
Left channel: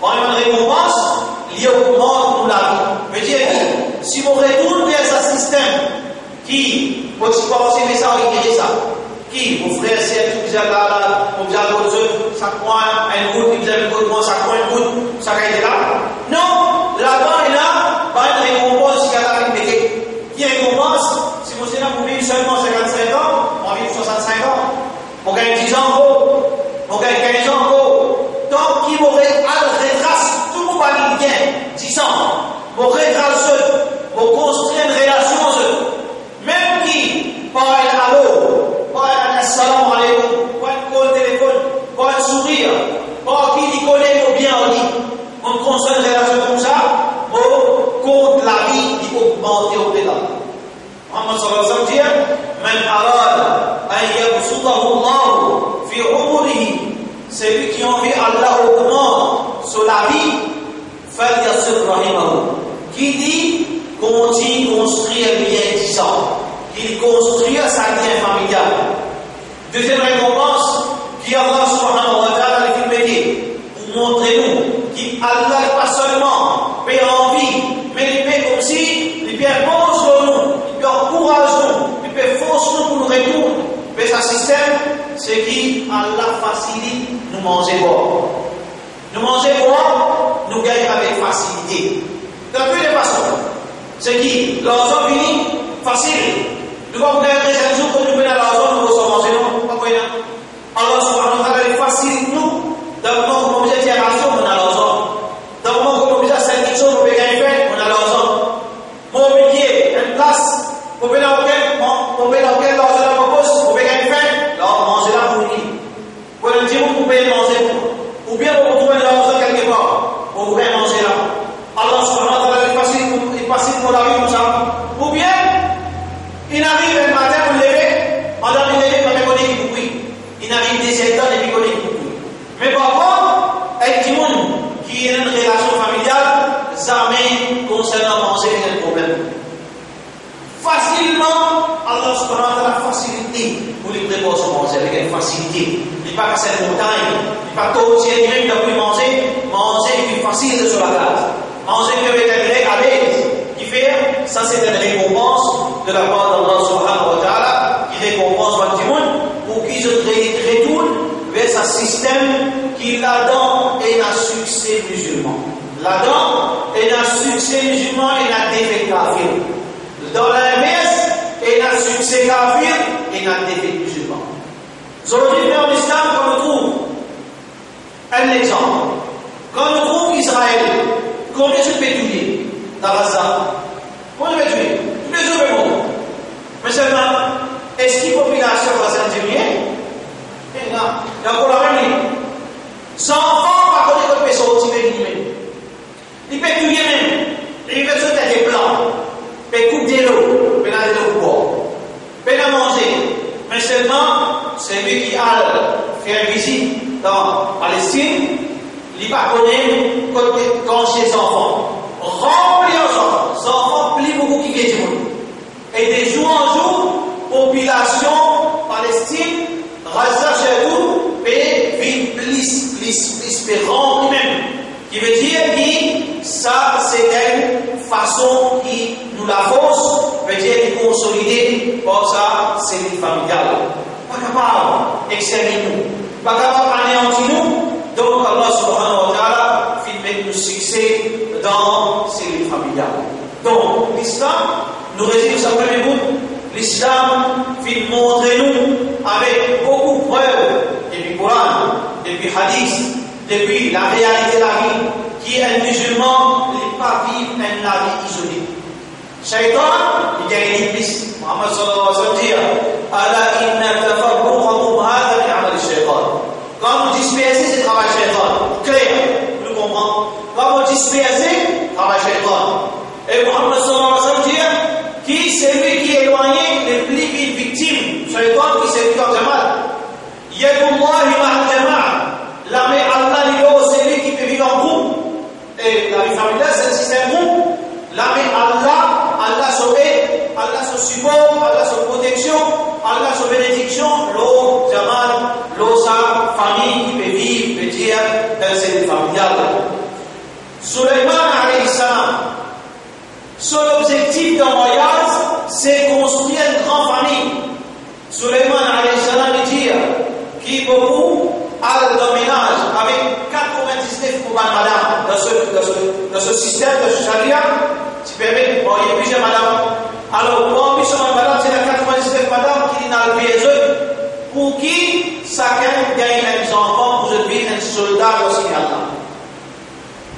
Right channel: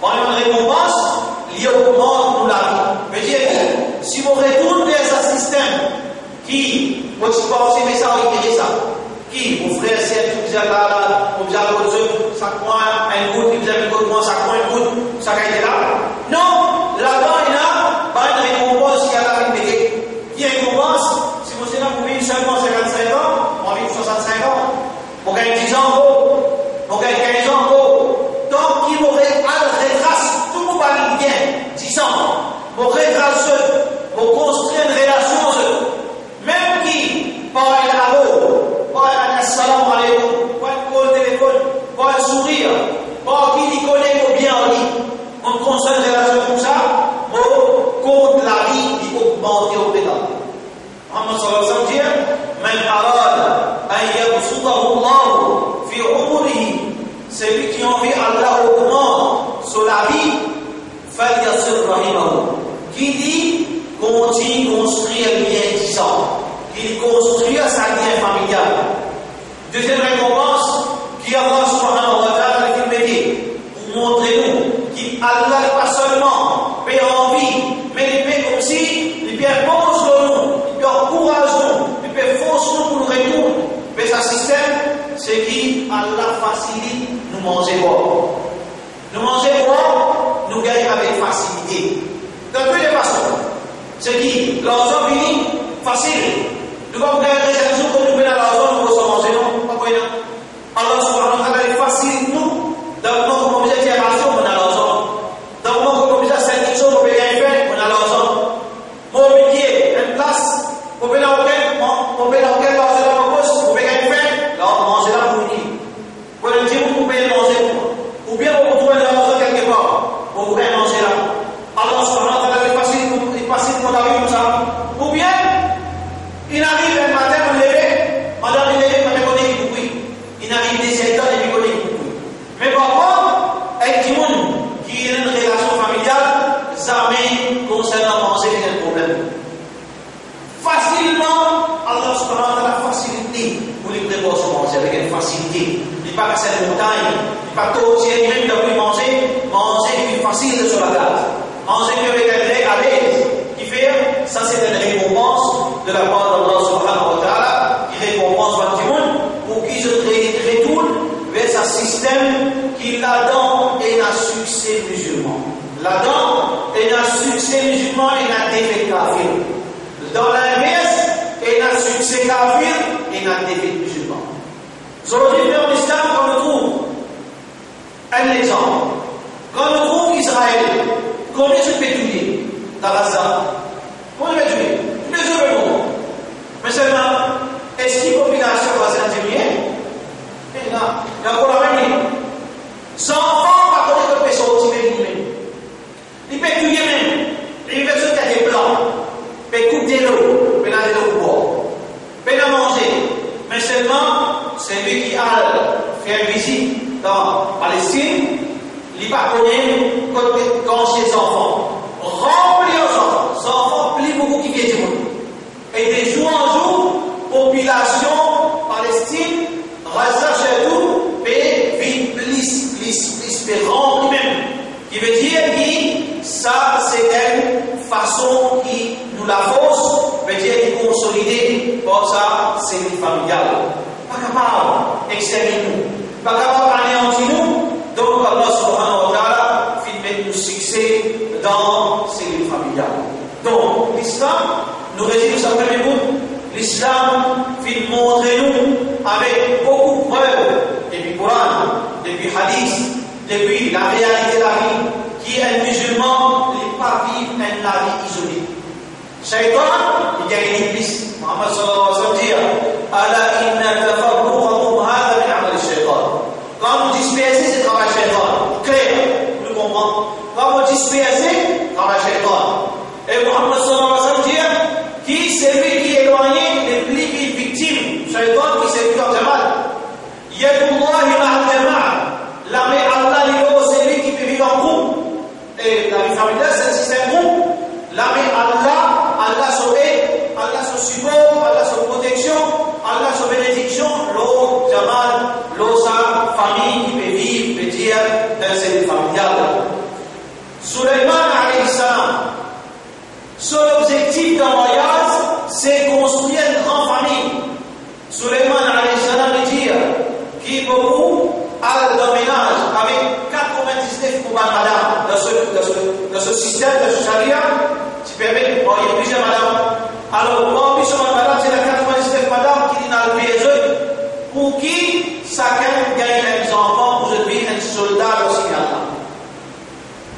Pas une récompense, il augmente la vie. Mais j'ai dit, si on retourne vers un système qui, moi je pense que ça, il dit ça. Qui, mon frère, c'est tout bizarre là, on bizarre comme ça prend un goutte, il bizarre comme ça prend une goutte, ça caille là. Non, là-bas et là, pas une récompense qui a la répétée. Qui récompense, si vous êtes là pour vivre seulement 55 ans, on vit 65 ans. On gagne 10 ans gros, on gagne 15 ans gros. Donc, qui m'aurait à la retrace, tout le monde va bien, 10 ans. Mon retrace, on construit une relation, même qui, par un allô, par un assalamu alaykum, par un call téléphone, par un sourire, par qui il connaît au bien en ligne. On construit une relation comme ça, on compte la vie qui augmente au pédale. Muhammad sallallahu alayhi wa sallam dit, Man arada an yabsudahu Allah fi umurihi, celui qui a envie Allah augmente sur la vie, falyasir rahimahu. Qui dit, continue construire bien 10 ans. Il construit sa vie familiale. Deuxième récompense, qui Allah subhanahu wa ta'ala pour montrer-nous qu'Allah n'est pas seulement paie envie, mais il paie comme si, il paie bon sur nous, il paie encourage nous, il paie force nous pour nous retourner. Mais ce système, c'est qui Allah facilite nous manger boire. Nous manger boire, nous gagnons avec facilité. De toutes les façons. C'est qui l'argent vient facile. Nous ne pouvons pas gagner chaque jour que nous venons à l'argent, nous recevons manger, non? Pas quoi, non? Allah subhanahu wa ta'ala facilite nous. Donc, nous avons besoin de l'argent, on a l'argent. Donc, nous avons besoin de cette chose, on peut gagner, on a l'argent. Mon métier, une place, on peut dans quel l'argent dans ma poche, on peut gagner, là, on mange là pour nous. pour les préparer se manger avec une facilité. Il n'est pas qu'à cette montagne, il n'est pas tout aussi lui-même de plus manger est plus facile sur la carte. Manger avec un grec à l'aise. Qui fait, ça c'est une récompense de la part d'Allah subhanahu wa ta'ala, qui récompense tout le monde pour qu'ils se retournent vers un système qui là-dedans est un succès musulman. Là-dedans est un succès musulman et un défait kafir. Dans l'inverse, est un succès kafir et un défait musulman. Aujourd'hui, en islam, quand on trouve un exemple, quand on trouve Israël, combien je peux tuer dans Gaza? Combien je peux tuer? Tous les autres mondes. Mais seulement, est-ce qu'il y a une population brésilienne? Il y a encore la même ligne. 100 enfants, par contre, il peut sortir lui-même. Il peut tuer même. Il peut sauter des blancs. Il peut couper de l'eau. Il peut aller de l'eau. Il peut la manger. Mais seulement, c'est lui qui a fait visite dans Palestine. Il ne connaît pas quand ses enfants. Remplis aux enfants, plus beaucoup qui viennent du monde. Et de jour en jour, population Palestine, Gaza chez tout, et vite, plus, rempli même. Qui veut dire que ça, c'est une façon qui nous la force, veut dire qu'il consolide, pour ça, c'est une familiale. Pas capable d'exterminer nous, pas capable d'anéantir nous. Donc Allah subhanahu wa ta'ala fait nous succès dans ces lignes familiales. Donc l'islam nous réside sur sa première bout. L'islam fait montrer nous avec beaucoup de preuves depuis le Coran, depuis le hadith, depuis la réalité de la vie, qui est un musulman n'est pas vivre une vie isolée. Shaitan, il y a une iblis. Muhammad sallallahu alayhi wa sallam dit Ala inna tafarruqakum hadha min amal shaitan. Quand vous dispersez, c'est travail shaitan. Clair, nous comprenons. Quand vous dispersez, travail shaitan. Et Muhammad sallallahu alayhi wa sallam dit qui c'est lui qui est éloigné les plus victimes. Shaitan qui s'est vu en jamal. Yadullahi ma'al jama'a. La main Allah, c'est lui qui peut vivre en groupe. Et la vie familiale, c'est un système groupe. La main Allah sauve, Allah se support, Allah se protection, Allah se bénédiction, l'eau, jamal, l'eau, sa famille qui peut vivre, peut dire, dans cette familiale. Suleiman alayhi salam, son objectif d'un voyage, c'est construire une grande famille. Suleiman alayhi salam dit qui beaucoup a le ménage avec 99 pour madame dans ce système de charia, qui permet de marier plusieurs madames. Alors, pour plusieurs madame, c'est la 99 madame qui est dans le piège pour qui chacun gagne les enfants pour devenir un soldat dans ce Allah.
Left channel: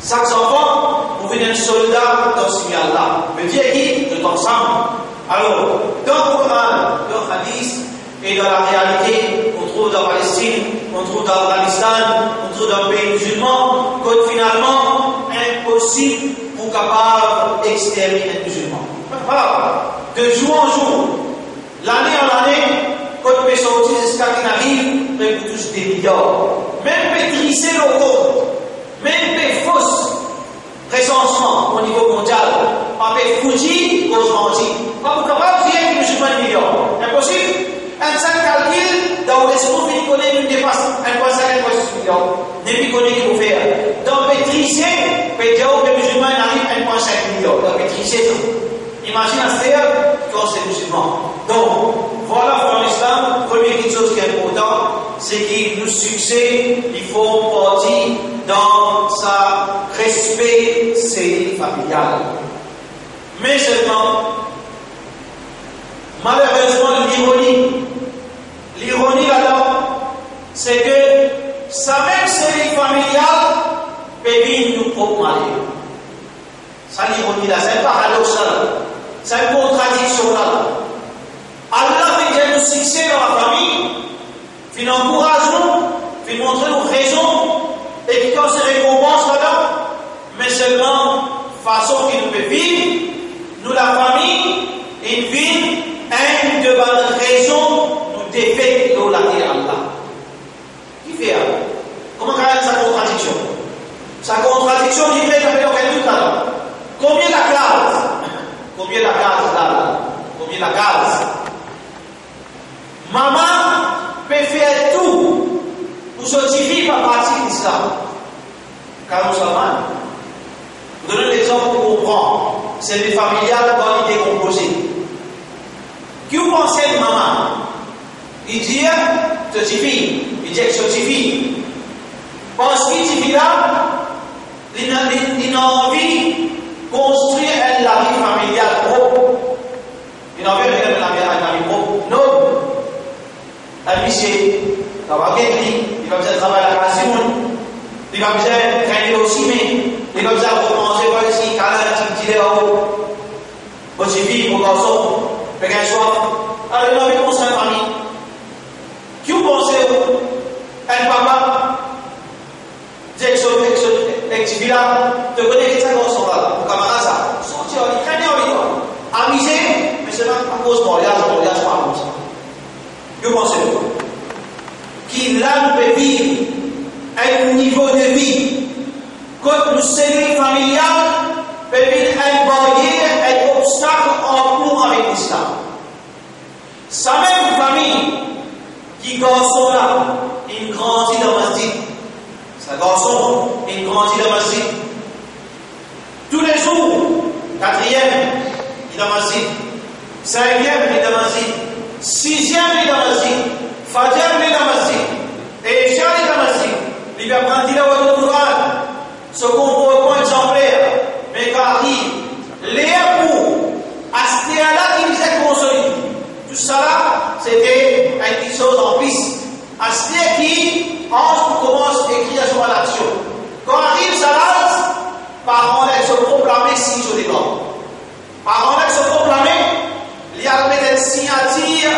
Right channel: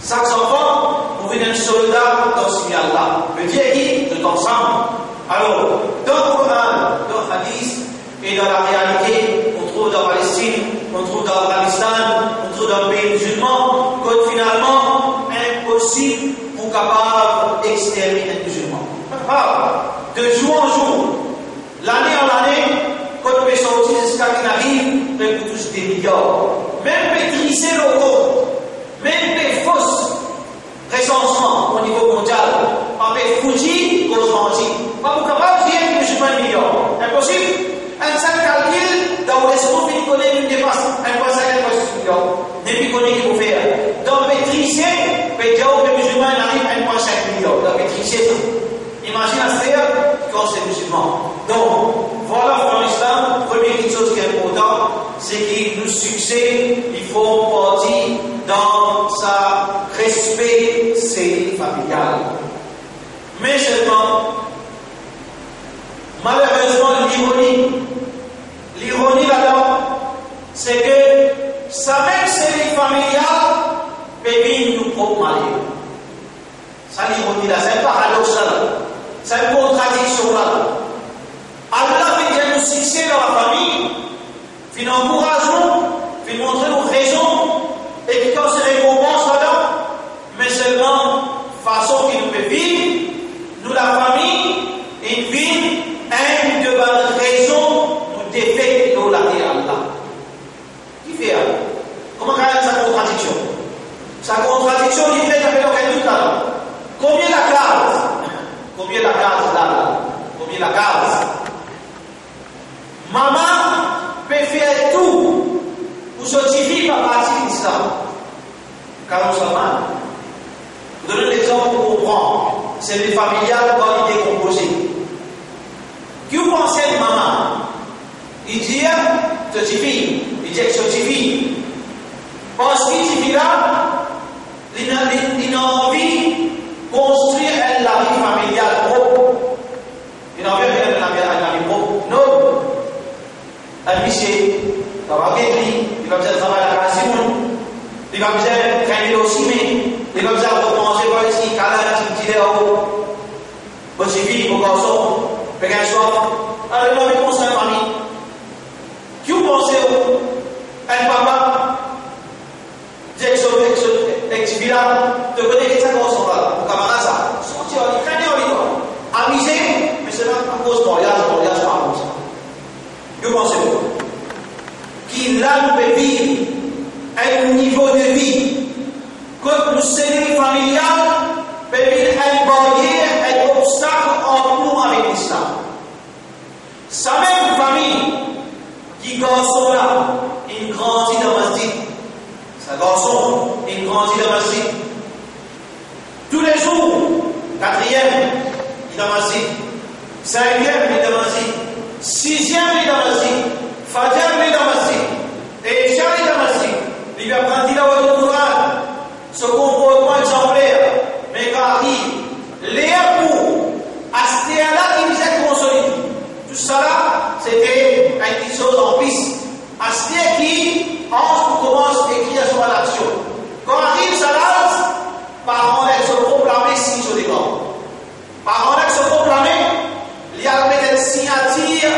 Chaque enfant pour devenir un soldat dans ce Allah. Veut dire qu'ils sont ensemble. Alors, dans le Coran, dans le hadith et dans la réalité, on trouve dans la Palestine, on trouve dans l'Afghanistan, on trouve dans le pays musulman, que finalement, impossible pour capable d'exterminer les musulmans. De jour en jour, l'année en année, quand on peut sortir de Scandinavie, on peut toucher des milliards. Même maîtriser l'auto, même des fausses recensements au niveau mondial, avec Fuji, cause Manji. Pas pour capable de dire que les musulmans sont milliards. Impossible. Un seul calcul, dans l'esprit, il connaît une dépasse 1,5 millions. Depuis qu'on est qu'il faut faire. Dans maîtriser, peut dire que les musulmans arrivent à 1,5 millions. Dans maîtriser ça. Imagine à ce quand c'est musulman. Donc, voilà pour l'islam, première chose qui est importante, c'est qu'il nous succès, il faut partir dans sa respect, c'est familial. Mais seulement, malheureusement, l'ironie là-dedans, c'est que sa même série familiale peut vivre nous propres malheurs. Ça, l'ironie là, c'est un paradoxe. C'est une contradiction là. Allah fait bien nous succès dans la famille, fait nous encourager, fait montrer nos raisons, et qui quand c'est récompense là-dedans, mais seulement façon qu'il nous peut vivre, nous la famille, une vie, une de bonnes raisons, nous défait de la terre Allah. Qui fait ça? Comment carrément sa contradiction? Sa contradiction, il fait d'appeler aucun doute là. Combien la case? Combien la case là? Combien la case? Maman peut faire tout pour sortir par partie de l'islam. Car nous sommes mal. Pour donner l'exemple pour comprendre, c'est le familial quand il est décomposé. Qui vous pensez de maman? Il dit, sortir, il dit que sortir. Parce qu'il dit là, il a envie de construire la vie familiale propre. Il a envie de faire la vie propre. Non. Un monsieur, il va faire travailler à la Simone, il va faire traîner au ciment, il va faire recommencer par ici, il va là-haut. Votre fille, vos garçons, il va soif. Alors il a envie de construire une famille. Qui vous pensez? Un papa? Activité là, te connais que ça dans son là, mon camarade ça, sortir, il traîne en ligne, amusé, mais c'est pas à cause de mariage, pas comme ça. Que pensez-vous? Qui là nous peut vivre un niveau de vie, quand nous sommes familial, peut vivre un barrière, un obstacle en nous avec l'islam. Sa même famille, qui garçon là, il grandit dans le masjid. Sa garçon, il grandit dans le masjid. Tous les jours, 4e, il est dans le masjid. 5e, il est dans le masjid. 6e, il est dans le masjid. Fajr, il est dans le masjid. Et Isha, il est dans le masjid. Il va prendre la voie de Coran. Ce comportement exemplaire. Mais quand il dit, les époux, Astéala qui disait consolidé. Tout ça là, c'était une petite chose en piste. Asté qui, on commence à écrire sur l'action. Quand arrive Salas, par contre, elle se proclame si sur les gants. Par contre, elle se proclame, il y a une signature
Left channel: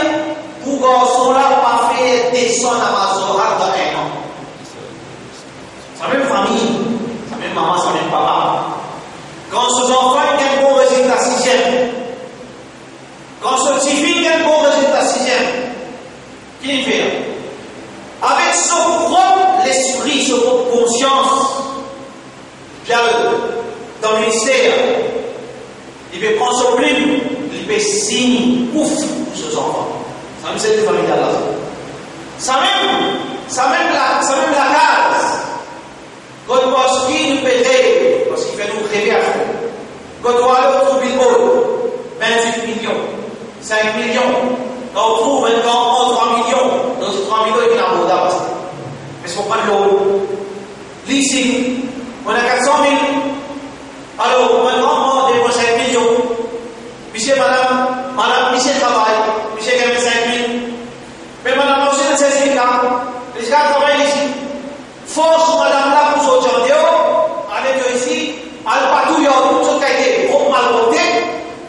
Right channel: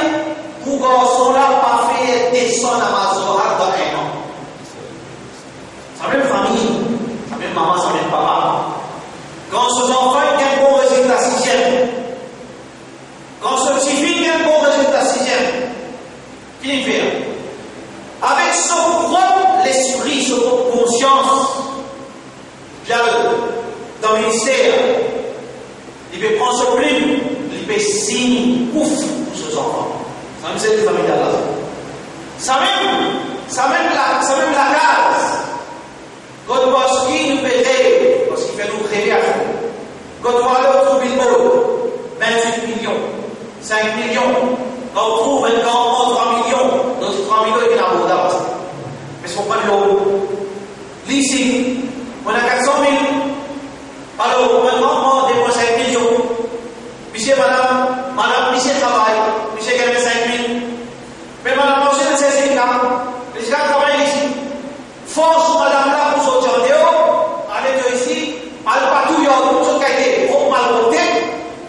pour garçon là, pas faire descendre à Mazorat dans un an. Sa même famille, sa même maman, sa même papa. Quand ce enfant a un bon résultat 6e, quand ce petit fille a un bon résultat 6e, qu'il fait? Avec son propre l'esprit, son propre conscience, bien dans le ministère, il peut prendre son plume, il peut signer ouf pour ses enfants. Ça même c'est une famille là. Ça même la case. Quand parce qu'il nous fait rêver, parce qu'il fait nous rêver à fond. Quand on va aller au billboard, 28 millions, 5 millions, quand on trouve un grand 3 millions, dans ces 3 millions, il y a un abordable. Mais c'est pour prendre l'eau. Ici, on a 400 000. Alors, maintenant, on dépense 5 millions. Monsieur, madame, monsieur travaille, monsieur gagne 5 000. Mais madame, monsieur ne sait pas là. Les gars travaillent ici. Force madame là pour sortir en dehors, allez ici, allez partout, il y a tout ce qui a été trop mal porté,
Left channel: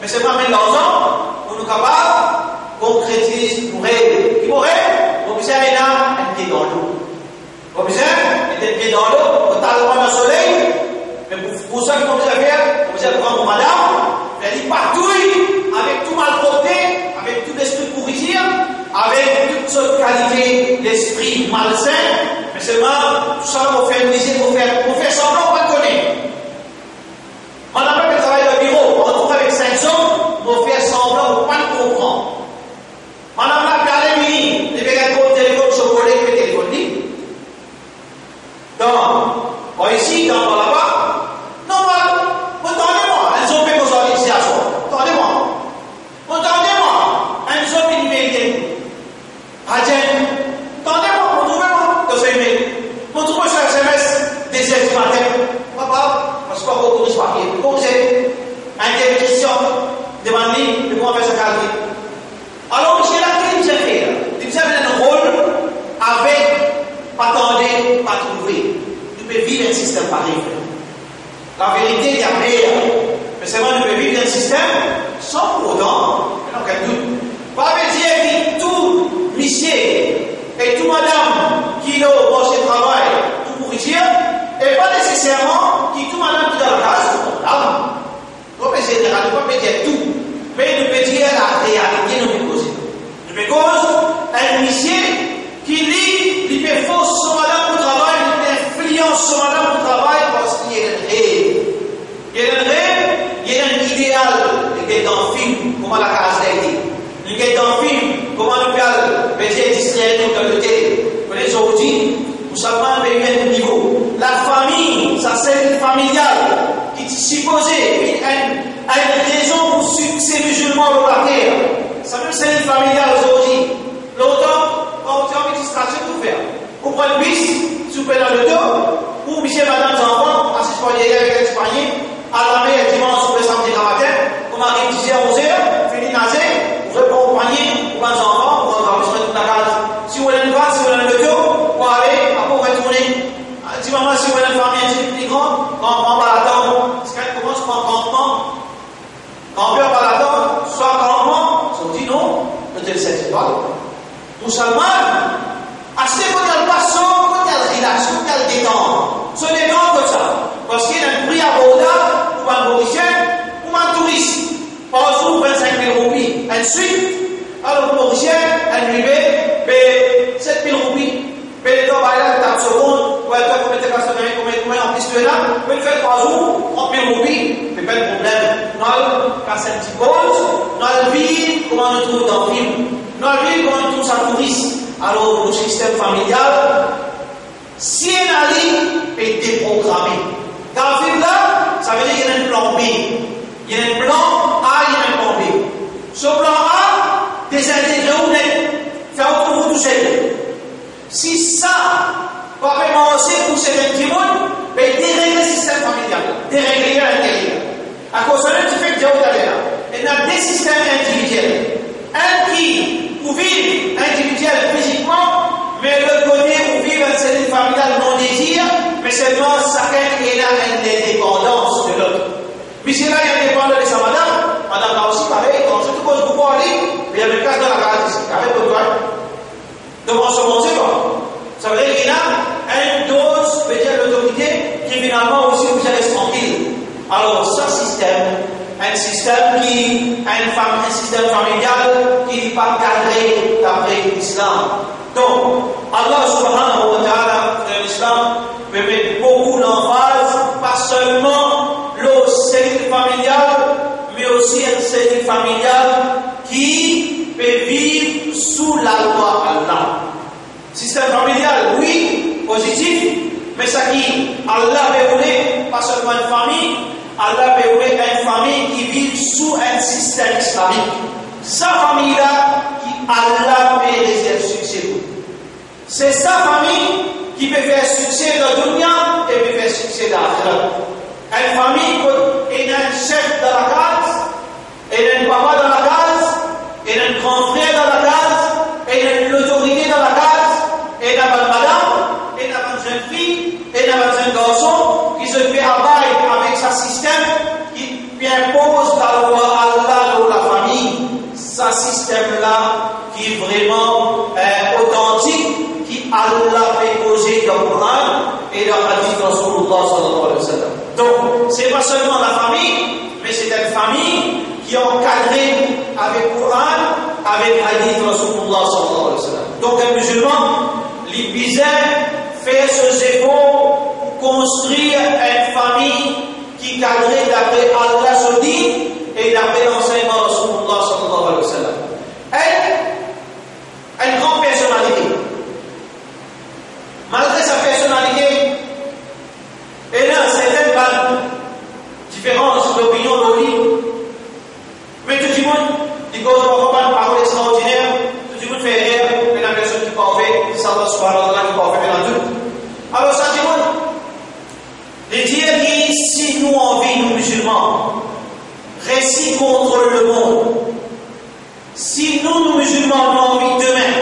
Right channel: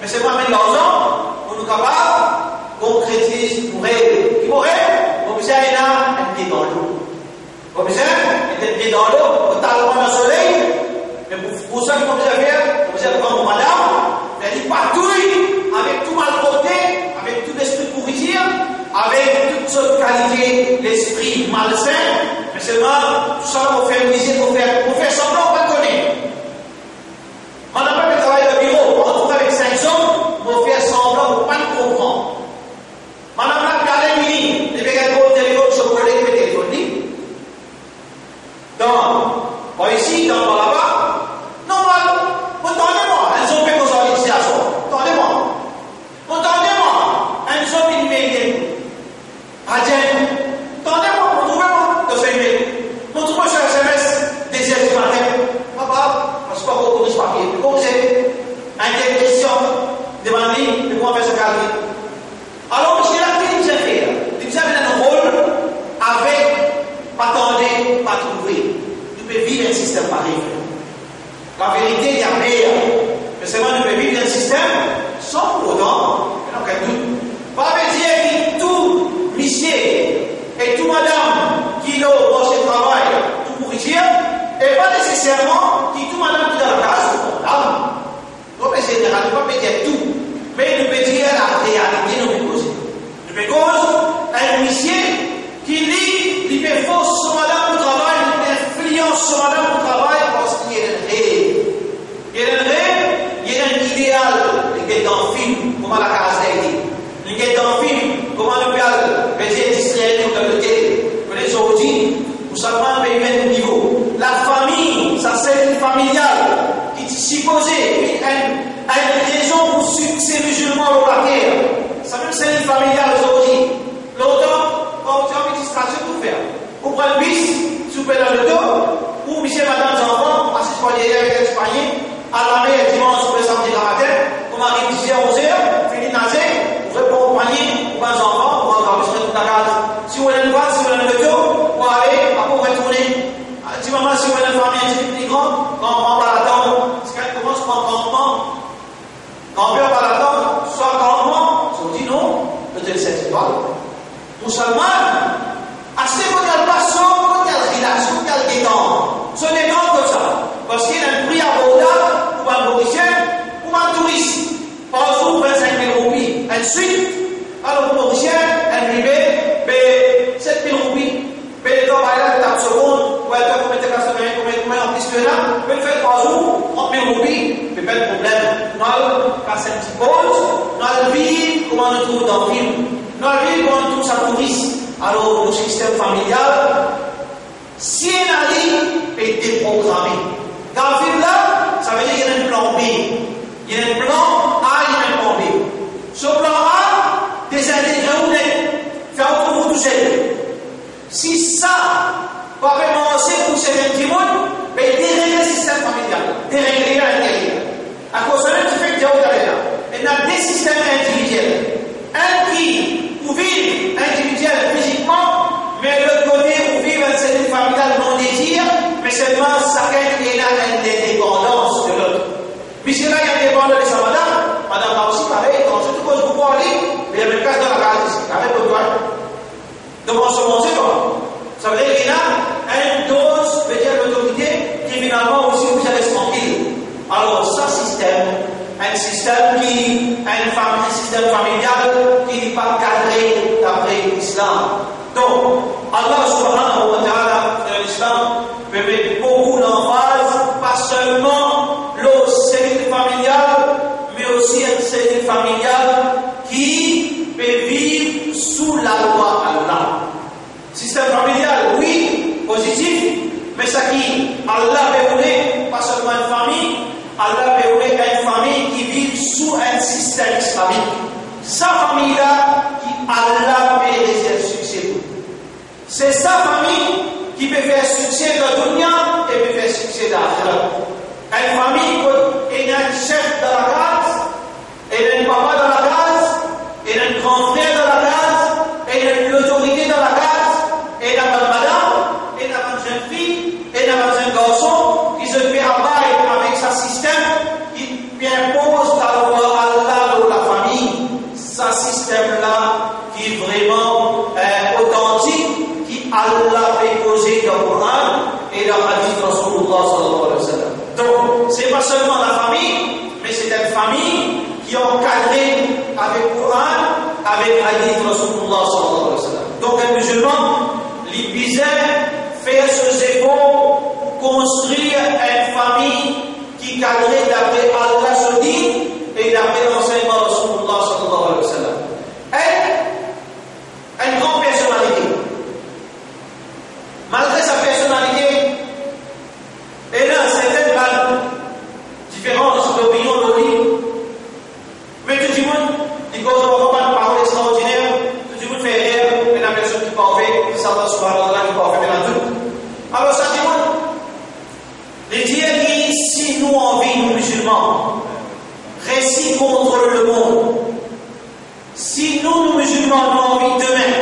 mais c'est pas même l'argent, on est capable, concrétise, mourir. Qui mourir? On peut faire un pied dans l'eau. On peut faire un pied dans l'eau, on t'a dans le soleil, mais pour ça qu'on peut faire, on peut prendre madame, elle dit partout, avec tout mal porté, avec tout l'esprit pourriture, avec toute cette qualité d'esprit malsain, mais seulement tout ça pour faire musique, pour faire semblant qu'on connaît. Madame elle travaille au bureau, on retrouve avec 5 hommes, pour faire semblant pour pas le comprendre. Madame la regardé mini, les bégages au téléphone, chocolat, le téléphone libre. Donc, ici, dans là-bas, non, attendez-moi, elles ont fait vos organisations, attendez-moi, elles ont fait une mérite. Attendez-moi, retrouvez-moi dans ce email. Retrouvez-moi sur SMS, des heures du matin. Papa, parce qu'on va corriger papier. Comment c'est? Un question, demandez, comment on fait ce calcul. Alors, j'ai la clé, vous avez fait. Vous avez un rôle avec, pas attendez, pas trouver. Vous pouvez vivre un système pareil. La vérité, il y a meilleur. Mais c'est vrai, vous pouvez vivre un système sans pour autant, il n'y a aucun doute. Pas dire que tout monsieur et tout madame qui ont au travail pour pourrir, et pas nécessairement que tout madame qui est dans la case, on peut dire tout, mais nous peut dire la réalité, nous peut causer. Nous peut causer un monsieur qui dit, il fait force sur madame au travail, il influence sur madame au travail parce qu'il y a un rêve. Il y a un rêve, il y a un idéal, il y a un film, comme à la case d'Haïti. Il y a un film, comment nous parle Musulman, assez quand elle passe, quand elle relaxe, quand elle détend. Ce n'est pas comme ça. Parce qu'il y a un prix abordable pour un Mauricien, pour un touriste. Par exemple, 25 000 roupies. Ensuite, alors le Mauricien, elle lui met 7 000 roupies. Mais le temps, par là, l'étape seconde, ou elle peut commettre la semaine, combien en plus que là, peut le faire 3 jours, 30 000 roupies, c'est pas de problème. Nous, quand c'est une petite pause, nous allons vivre comme on le trouve dans le film. Nous allons vivre comme on le trouve ça touriste. Alors, le système familial, si un ali est déprogrammé, dans le film là, ça veut dire qu'il y a un plan B. Il y a un plan A, il y a un plan B. Ce plan A, désintégrer ou net, faire autre vous tout seul. Si ça, va commencer pour certains petits mondes, mais dérégler le système familial, dérégler à l'intérieur. À cause de ça, tu fais que Dieu là. Il y a des systèmes individuels. Un qui, pour vivre individuel physiquement, mais l'autre côté, pour vivre un système familial non désir, mais seulement chacun est là une indépendance de l'autre. Mais si là, il y a une indépendance de sa madame a aussi pareil, quand c'est tout cause beaucoup en ligne, mais il y a une place dans la case ici, avec le doigt. Donc on se montre quoi? Ça veut dire qu'il y a une dose, veut dire l'autorité, qui finalement aussi vous reste tranquille. Alors, ce système, un système familial qui n'est pas cadré d'après l'islam. Donc, Allah subhanahu wa ta'ala, l'islam, peut mettre beaucoup d'emphase, pas seulement le cellule familial, mais aussi un cellule familial qui peut vivre sous la loi Allah. Système familial, oui, positif, mais ça qui, Allah veut pas seulement une famille, Allah veut une famille qui vit sous un système islamique. Sa famille-là, qui Allah peut réserver succès. C'est sa famille qui peut faire succès dans le dunya et peut faire succès dans l'akhirat. Une famille qui a un chef dans la case, et un papa dans la case, et un grand frère dans la case, et l'autorité dans la case, et une madame, et une jeune fille, et un jeune garçon qui se fait abattre avec sa système qui impose la loi Allah dans la famille. Ce système-là qui est vraiment authentique, qui Allah fait poser dans le Coran et dans le hadith de Rasulullah sallallahu alayhi wa sallam. Donc, ce n'est pas seulement la famille, mais c'est une famille qui est encadrée avec le Coran, avec le hadith de Rasulullah sallallahu alayhi wa sallam. Donc, un musulman, les bizarres, fait ses efforts pour construire une famille qui est cadrée d'après Allah se dit et d'après l'enseignement de Rasulullah sallallahu alayhi wa sallam. Une grande personnalité. Malgré sa personnalité, elle a certaines différences d'opinion de lui. Mais tout le monde dit qu'on ne pas une parole extraordinaire, tout le monde fait rien, mais la personne qui parle, c'est Allah subhanahu wa ta'ala qui parle bien tout. Alors ça dit les dire que si nous en vie, nous musulmans, récit contre le monde, si nous musulmans, nous en vie demain,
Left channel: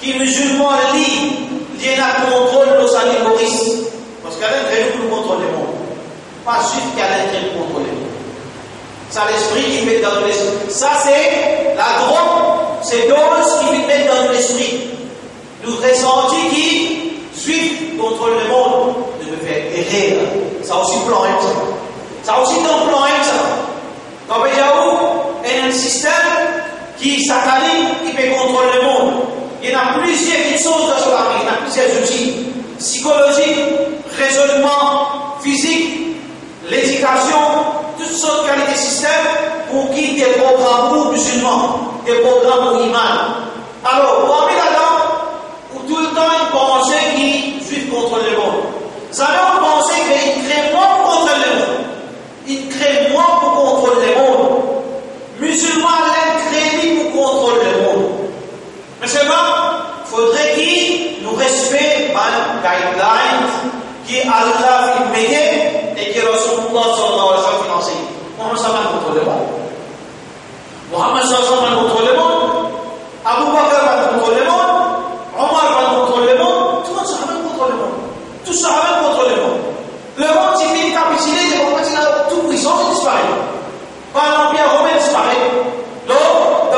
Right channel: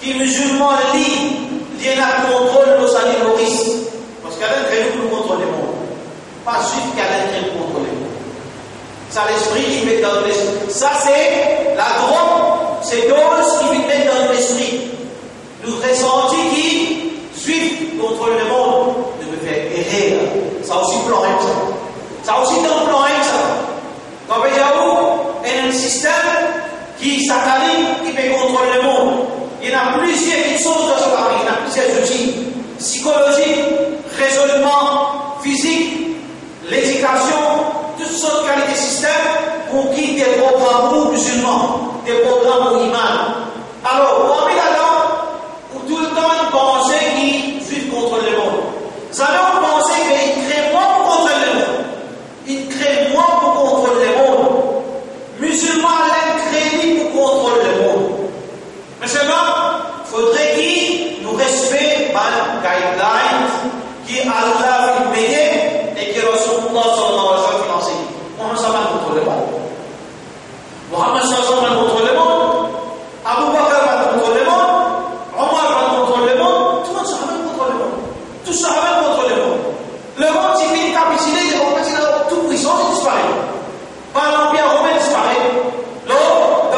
qui musulmans lient, viennent à contrôler nos animalistes, parce qu'à l'intérieur, nous contrôlons le monde. Pas juste qu'à l'intérieur, nous contrôlons le monde. Ça, l'esprit qui met dans l'esprit. Ça, c'est la drogue, c'est dose qui met dans l'esprit. Nous ressentons qui, juifs, contrôlent le monde, de me faire errer. Ça aussi plan ça. Ça aussi dans le plan ça. Quand il y a un système qui s'accaline, qui peut contrôler le monde. Il y en a plusieurs choses dans ce pays, il y a plusieurs outils. Psychologie, raisonnement, physique, l'éducation, toutes sortes de qualités de système pour qui des programmes pour musulmans, des programmes pour imams. Alors, parmi là-dedans, où tout le temps ils pensaient qu'ils juifs contrôlent le monde. Ça veut penser qu'ils créent moins pour contrôler le monde. Ils créent moins pour contrôler le monde. Musulmans, ils créent pour contrôler le monde. Mais c'est pas, il faudrait qu'ils nous respectent les guidelines qui Allah a fait et qui Rasulullah sallallahu alayhi wa sallam financé. Mohammed sallallahu contrôle le monde. Mohammed sallallahu alayhi wa contrôle le monde. Abu Bakr va contrôler le monde. Omar va contrôler le monde. Tout le monde sahabat contrôle le monde. Tout sahabat contrôle le monde. Le monde, s'il finit capitulé, c'est pour que toute puissance disparaît. Par l'Empire romain disparaît. L'autre,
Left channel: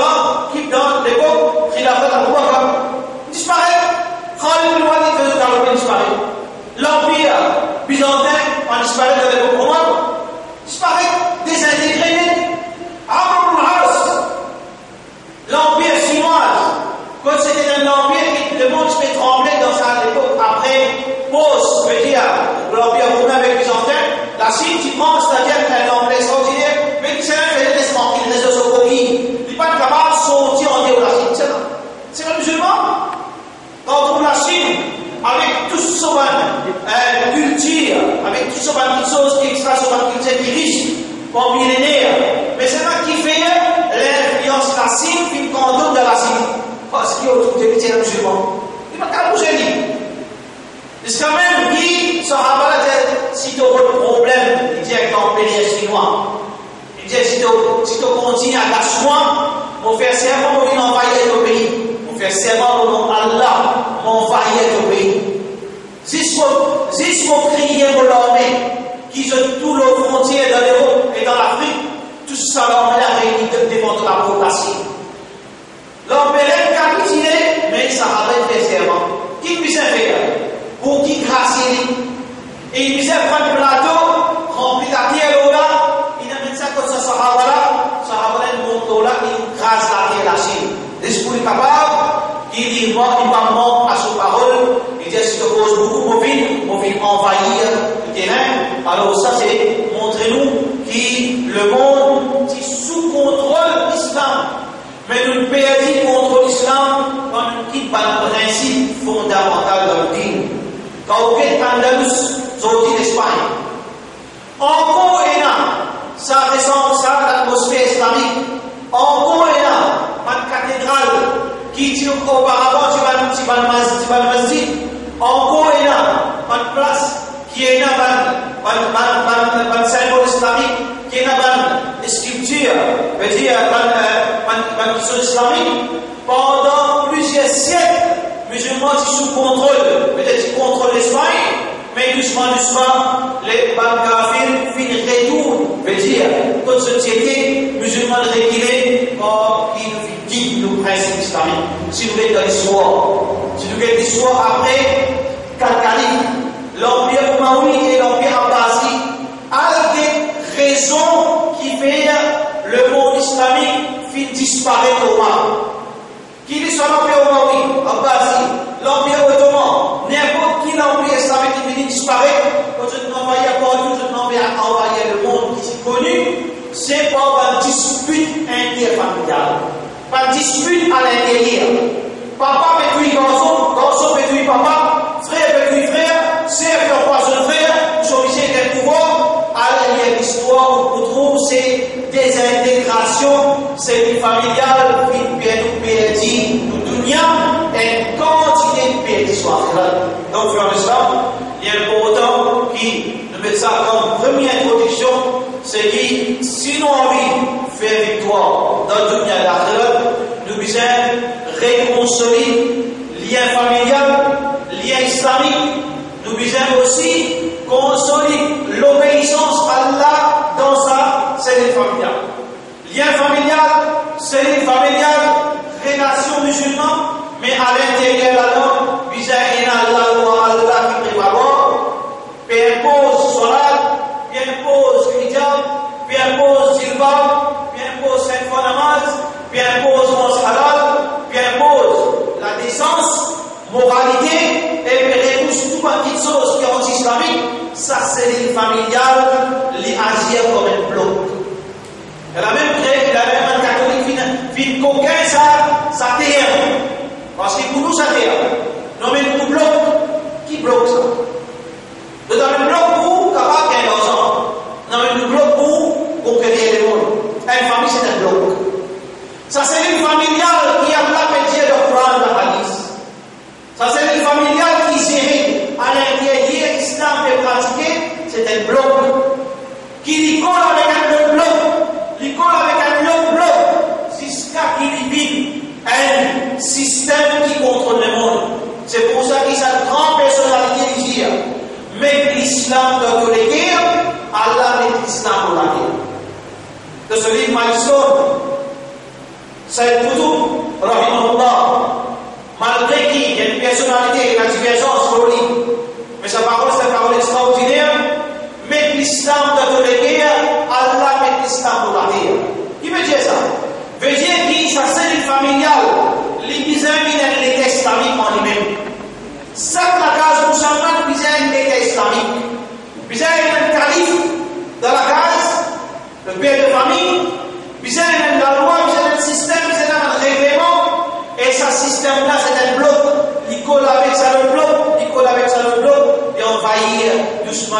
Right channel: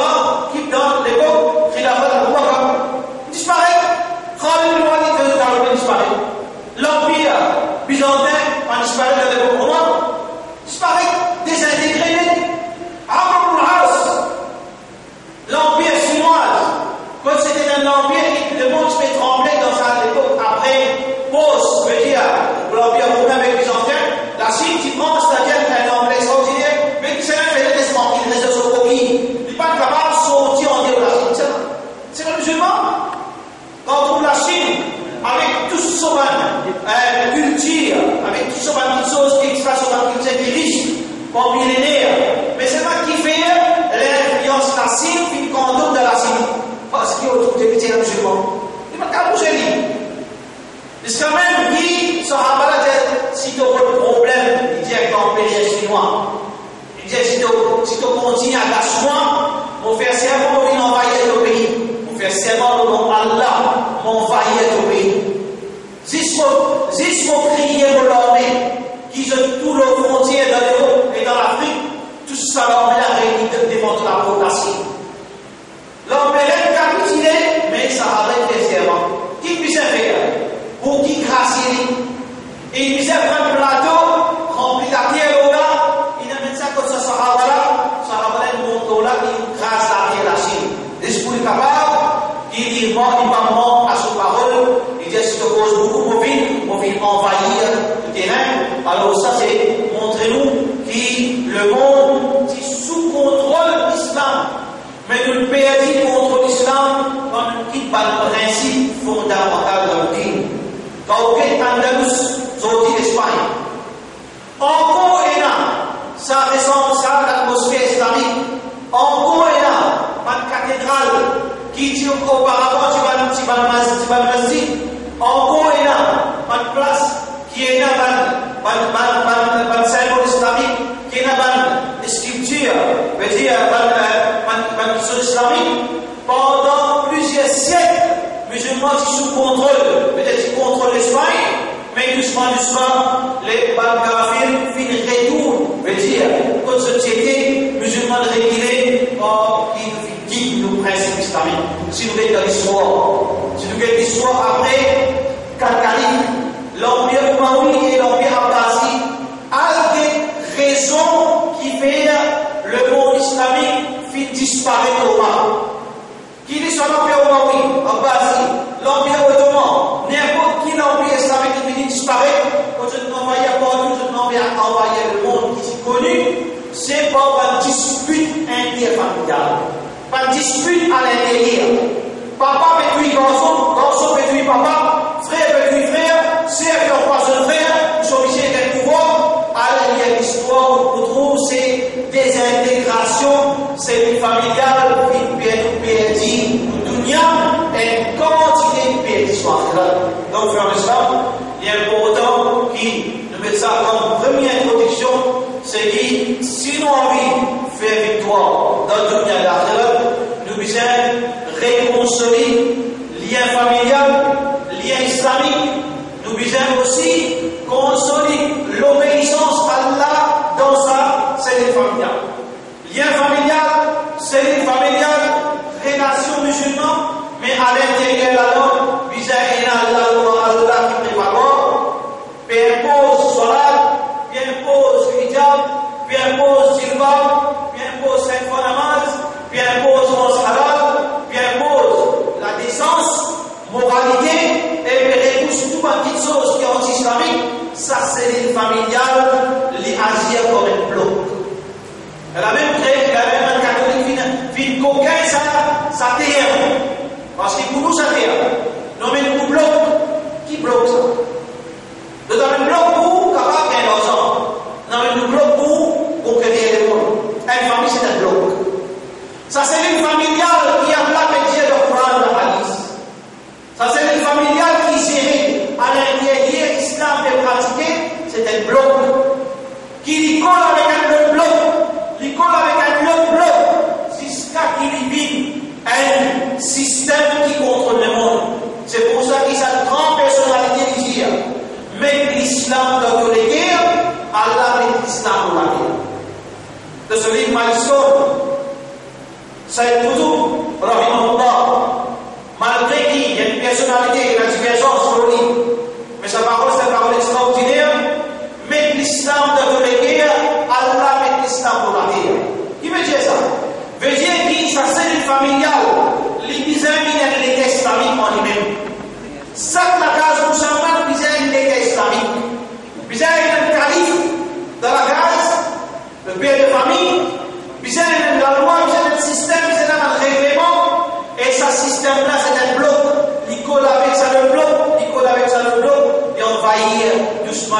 dans l'époque l'Empire romain avec les Byzantins, la Chine qui prend, c'est-à-dire un empire extraordinaire, mais qui s'est fait des tranquilles, des ressources coquilles. Il n'est pas capable de sortir en dehors de la Chine. C'est le musulman. Quand on trouve la Chine, avec tout ce culture, avec tout ce choses qui extra sur la culture qui est riche, pour millénaires, mais c'est pas qui fait l'influence de la Chine, puis le contour de la Chine. Parce qu'il y a autour de l'État musulman. Il n'y a pas qu'à bouger lui. C'est quand même dit, Sahaba, si tu as un problème, il dit avec l'empire chinois. Il dit si tu continues à gâcher-moi, on fait serment, on vient envahir le pays. On fait serment au nom d'Allah, on envahir le pays. Si on criait pour l'armée, qui ont tous nos frontières dans l'Europe et dans l'Afrique, tout ça l'armée a réuni devant la provocation. L'empire a capitulé, mais ça va être serment. Qui puisse faire? Pour qui grâce et il puisse prendre le plateau, rempli la pierre là, il a mis ça comme ça, Sahaba là, il monte là, il grâce la pierre la Chine. L'esprit capable, qui dit, moi, il va mort à son parole, il dit, si tu poses beaucoup, on vient envahir le terrain. Alors ça, c'est montrer-nous que le monde est sous contrôle de l'islam. Mais nous perdons contre l'islam quand nous quittons le principe fondamental de la dîme. Quand on quitte Andalus, sorti d'Espagne. Encore et là, ça ressemble ça à l'atmosphère islamique. Encore et là, une cathédrale qui dit auparavant, tu vas le masjid. Encore et là, une place qui est là, un symbole islamique, qui est là, une sculpture, veut dire, une question islamique. Pendant plusieurs siècles, musulmans sont sous contrôle, peut-être qu'ils contrôlent l'Espagne, mais doucement, les Balkafir finissent retour, veut dire, toute société musulmane régulée, qui nous principe islamique. Si nous regardons l'histoire après, quatre califes, l'Empire Umayyaden et l'Empire Abbasi, a des raisons qui font le monde islamique finit disparaître au Maroc. Qu'il soit l'Empire Umayyaden, Abbasi, l'Empire Ottoman, n'importe qui l'Empire islamique qui finit disparaître, quand je ne m'envoyais partout, je ne m'envoyais envoyer le monde qui est connu, c'est pas une dispute interfamiliale, pas une dispute à l'intérieur. Papa pétouille garçon, garçon pétouille papa, frère pétouille frère, sœur qui empoisonne frère, ils sont obligés d'être pouvoir. Alors il y a l'histoire où on trouve c'est des intégrations, c'est une familiale, une perdue, une dunya, une quantité de perdition. Donc, frère l'islam, il est important qui nous met ça comme première introduction, c'est que si nous avons envie de faire victoire dans le dunya de l'akhirah, nous devons réconcilier lien familial, lien islamique. Nous devons aussi consolider l'obéissance à Allah dans sa cellule familiale. Lien familial, cellule familiale, relation musulmane, mais à l'intérieur de la langue, vis-à-vis Allah qui prévalent, puis impose salat, puis impose hijab, puis impose jilbab, puis impose 5 fois namaz, puis impose mos halal, puis impose la décence, moralité, et puis repousse tout un petit chose qui est anti-islamique, ça c'est une familiale, les agir comme un bloc. Et la même catholique, fin coquin, ça terre. Parce que pour nous, ça terre. Non, mais nous bloc, qui bloque ça? Nous avons un bloc pour capable d'un enfant. Non, mais nous bloc pour conquérir le monde. Une famille, c'est un bloc. Ça c'est une familiale qui a la métier de Coran de la hadith. Ça c'est une familiale qui gère à l'intérieur l'islam est pratiqué, c'est un bloc qui colle avec un bloc, il colle avec un autre bloc, jusqu'à qu'il vit un système qui contrôle le monde. C'est pour ça qu'il y a une grande personnalité qui dit mais l'islam dans les guerres, Allah met l'islam dans la guerre. De ce livre Malison, Saïd Qutb, rahimahullah, malgré qu'il y a une personnalité, une divergence sur le livre, mais sa parole c'est une parole extraordinaire, mais l'islam dans les guerres, Allah met l'islam dans la guerre. Qui veut dire ça? Veut dire que sa cellule familiale, les bizarres de l'État islamique en lui-même. Ça, la case musulmane, bizarre de l'État islamique. Madina, c'est un bloc. Il colle avec ça le bloc, il colle avec ça le bloc, et envahir doucement,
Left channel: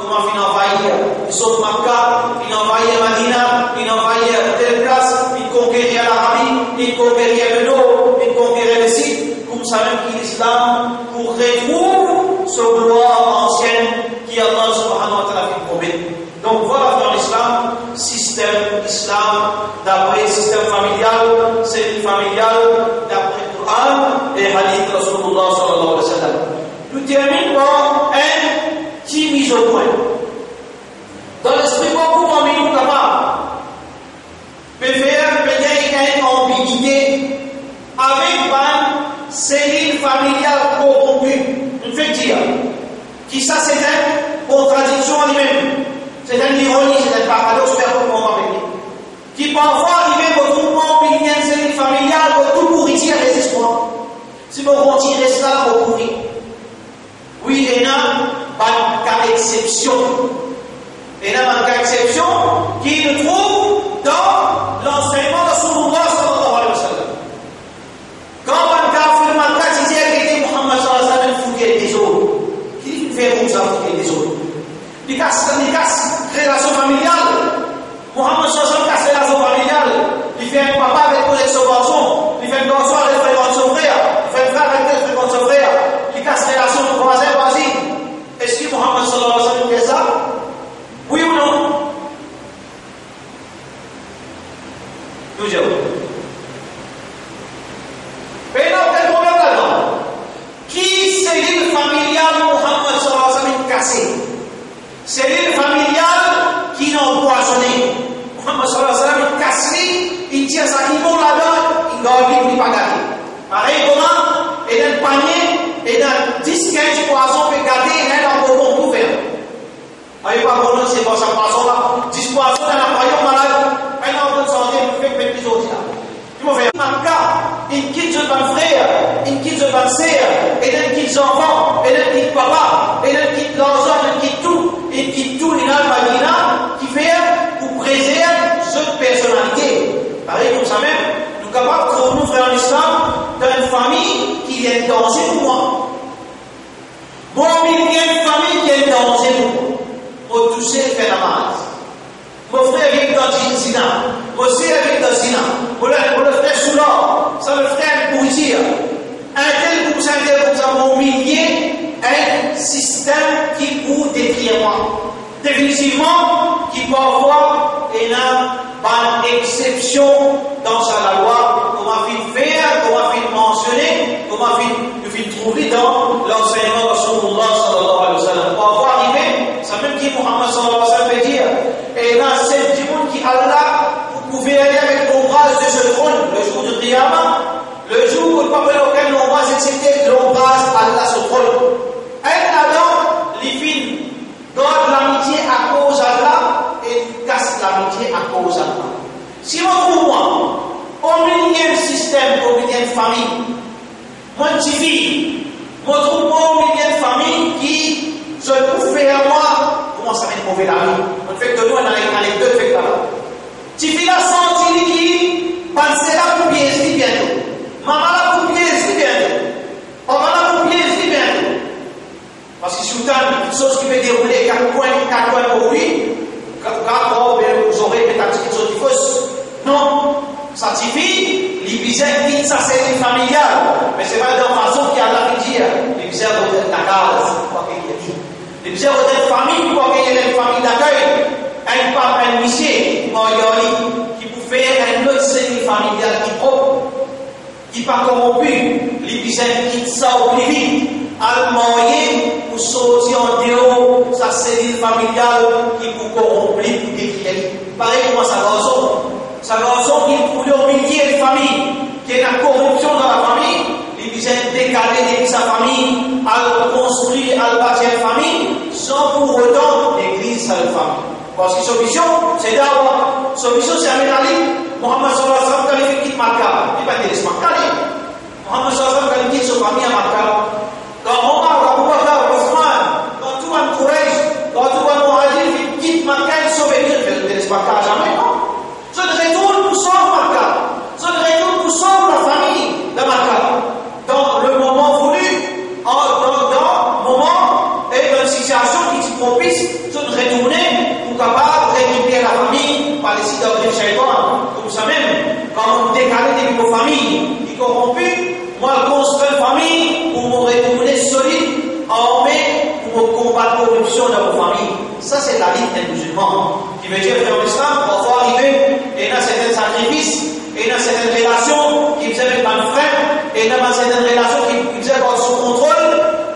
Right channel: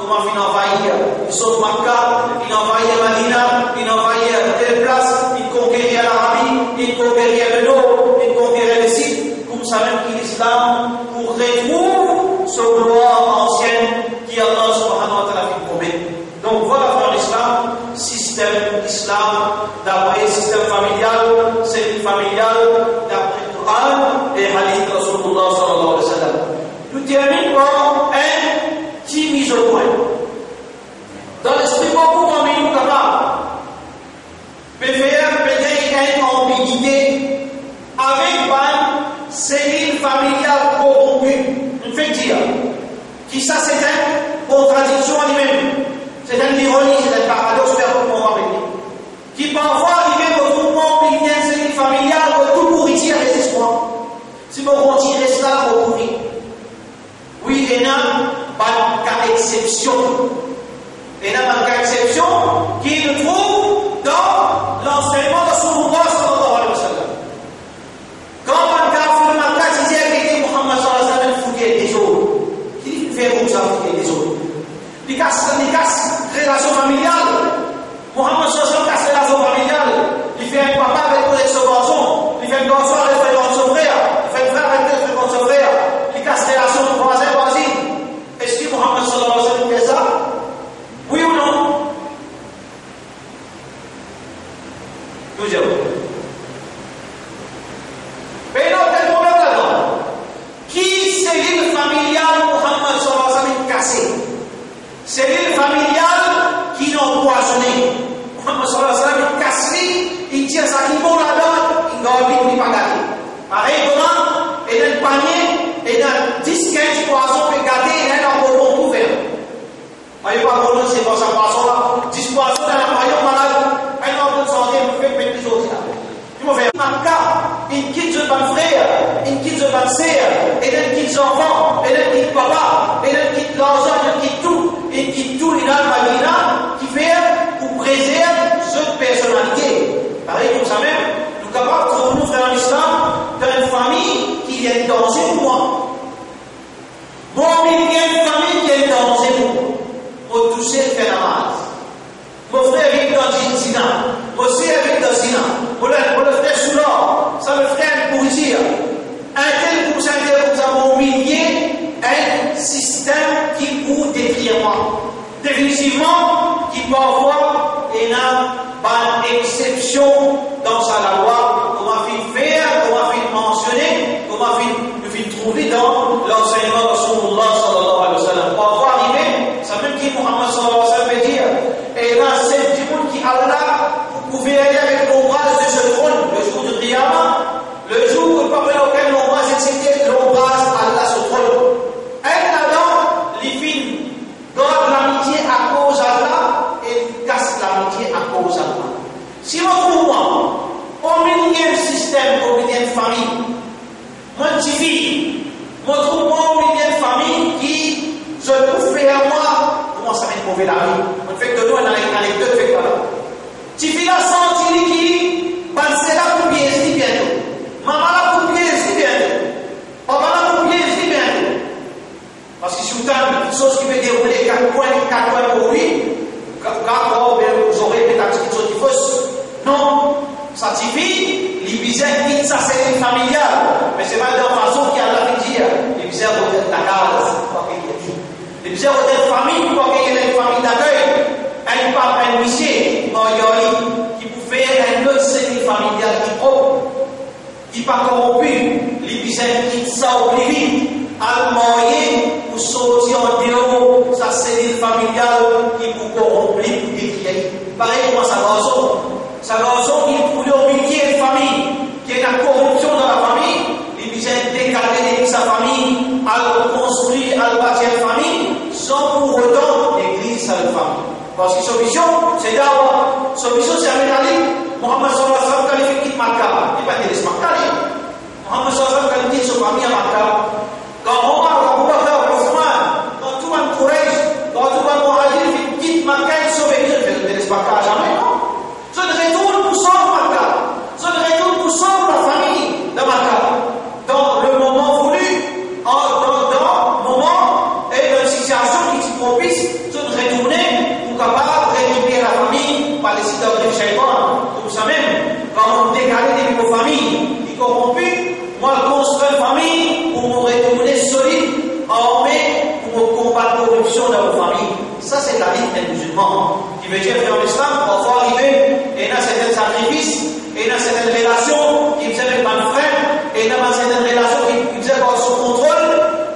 comment il envahir. Il saute Makkah, il envahit Madina, il envahit telle place, il conquérit l'Arabie, il conquérit le nord, il conquérit le sud, comme ça même que l'islam, pour retrouver ce gloire ancienne qui Allah subhanahu wa ta'ala fait promettre. Donc voilà dans l'islam, système islam, d'après système familial, cellule familiale, d'après le Coran et hadith de Rasulullah sallallahu alayhi wa sallam. Nous terminons par un petit mise au point. Dans l'esprit, beaucoup parmi nous capables de faire peut-être une ambiguïté avec une cellule familiale corrompue. On fait dire qui ça c'est une contradiction en lui-même. C'est une ironie, c'est un paradoxe permanent avec lui. Qui parfois arrive au groupement milieu de cellule familiale pour tout pourrir les espoirs. Si vous retirez cela, vous pourrir. Oui, il y a un cas d'exception. Il y a un cas d'exception qui se trouve dans l'enseignement de Rasulullah sallallahu alayhi wa sallam. Quand un kafir, un cas disait que Muhammad sallallahu alayhi wa sallam fouillait des autres. Qui fait comme ça fouiller des autres? Il casse relation familiale. Muhammad sallallahu alayhi wa sallam casse relation familiale. Il fait un papa avec son garçon. Il fait un garçon avec son frère. Il fait un frère avec son frère. Il casse relation de voisin. Est-ce que Muhammad sallallahu alayhi wa sallam fait ça? Oui ou non? Nous disons. Mais il y a un problème là-dedans. Qui cellule familiale Muhammad sallallahu alayhi wa sallam cassée? Cellule familiale qui n'ont empoisonné. Muhammad sallallahu alayhi wa sallam casse, il tire sa niveau là-dedans, il ne pas gâter. Pareil, comment? Il y a un panier, il y a 10-15 poissons pour gâter, il y a un bonbon tout faire. Voyez pas bon, c'est pas ça poisson là. 10 poissons dans un royaume malade, un homme de santé, il fait mettre les autres là. Il m'a fait un cas, il quitte son frère, il quitte son sœur, il quitte son enfant, il quitte papa, il quitte l'argent, il quitte tout, il a le Madina qui fait pour préserver cette personnalité. Pareil comme ça même, nous sommes capables de nous frères en islam dans une famille qui est en danger pour moi. Bon, il y a une famille qui est en danger pour moi. Pour toucher le phénomène. Mon frère vit dans le zina. Mon sœur vit dans le zina. Mon frère sous l'or. Ça me fait pourrir. Un tel pour ça, mon millier, un système qui pour détruire moi. Définitivement, qui parfois est une exception dans sa loi. Comment il faire, comment il mentionner, comment il trouver dans l'enseignement de Rasulullah sallallahu alayhi wa sallam. Parfois arriver, ça même qui Muhammad sallallahu alayhi wa sallam veut dire. Et là, c'est du monde qui Allah, vous pouvez aller avec l'ombrage de ce trône, le jour du Qiyamah, le jour parmi lequel l'ombrage est accepté, l'ombrage Allah se trône. Et là-dedans, les filles donnent l'amitié à cause d'Allah et cassent l'amitié à cause d'Allah. Si on trouve moi, au milieu du système, au milieu de famille, moi, je vis, moi, je trouve moi au milieu de famille qui se trouve faire moi, comment ça va mauvais la vie? On fait que nous, on a une anecdote, fait là. Tu vis la senti qui, pensez là pour bien se bientôt. Maman là pour bien se bientôt. Papa là pour bien se bientôt. Parce que si vous avez une chose qui peut dérouler 4 points pour lui, 4 ans, vous aurez peut-être quelque chose qui fausse. Non, ça suffit, les bizarres disent ça c'est une familiale, mais c'est pas de la façon qu'il y a la dire. Les bizarres vont être la case, quoi qu'il y ait dit. Les bizarres vont être famille, quoi qu'il y ait une famille d'accueil, un papa, un monsieur, en yoli, qui peut faire un autre série familiale qui propre, qui pas corrompu. Les bizarres quittent ça au plus vite, à moyen pour sortir en dehors, sa cellule familiale qui peut corrompre, pour décrire. Pareil comme ça, garçon. Sa raison qui est pour le milieu de famille, qui est la corruption dans la famille, il vient décaler de sa famille, à construire, à bâtir une famille, sans pour autant l'église à la famille. Parce que solution, c'est d'avoir, solution c'est avec Ali, Muhammad sallallahu alayhi wa sallam, quand il fait quitte Makkah, il va dire c'est Makkah. Muhammad sallallahu alayhi wa sallam, quand il quitte sa famille à Makkah, quand Omar, Abu Bakr, Othman, quand tout le monde Quraysh, quand tout le monde Muhajir, il quitte Makkah, il sauve les gens, il ne laisse Makkah jamais, non? Ça ne retourne pour sauver Makkah. Ça ne retourne pour sauver la famille de Makkah. la vie d'un musulman. Qui veut dire que dans l'islam, parfois arriver, et il y a certains sacrifices, et il y a certaines relations qui vous avez pas de frère, et il y a certaines relations qui vous avez sous contrôle.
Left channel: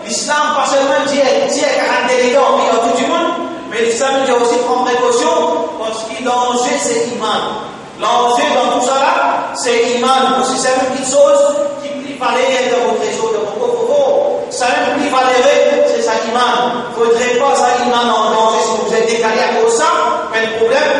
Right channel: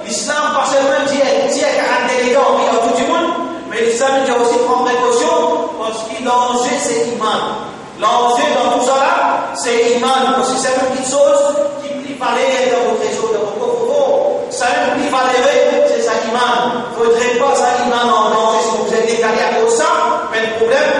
L'islam, pas seulement dit qu'un déléguant, il y a tout du monde, mais l'islam dit aussi prendre précaution, parce que l'enjeu c'est iman. L'enjeu dans tout ça là, c'est iman. Parce que c'est une petite chose qui plus valait dans vos trésors, dans vos coffres. Ça même plus valait, c'est ça iman. Il ne faudrait pas ça iman en danger si vous êtes décalé à cause de ça, pas de problème.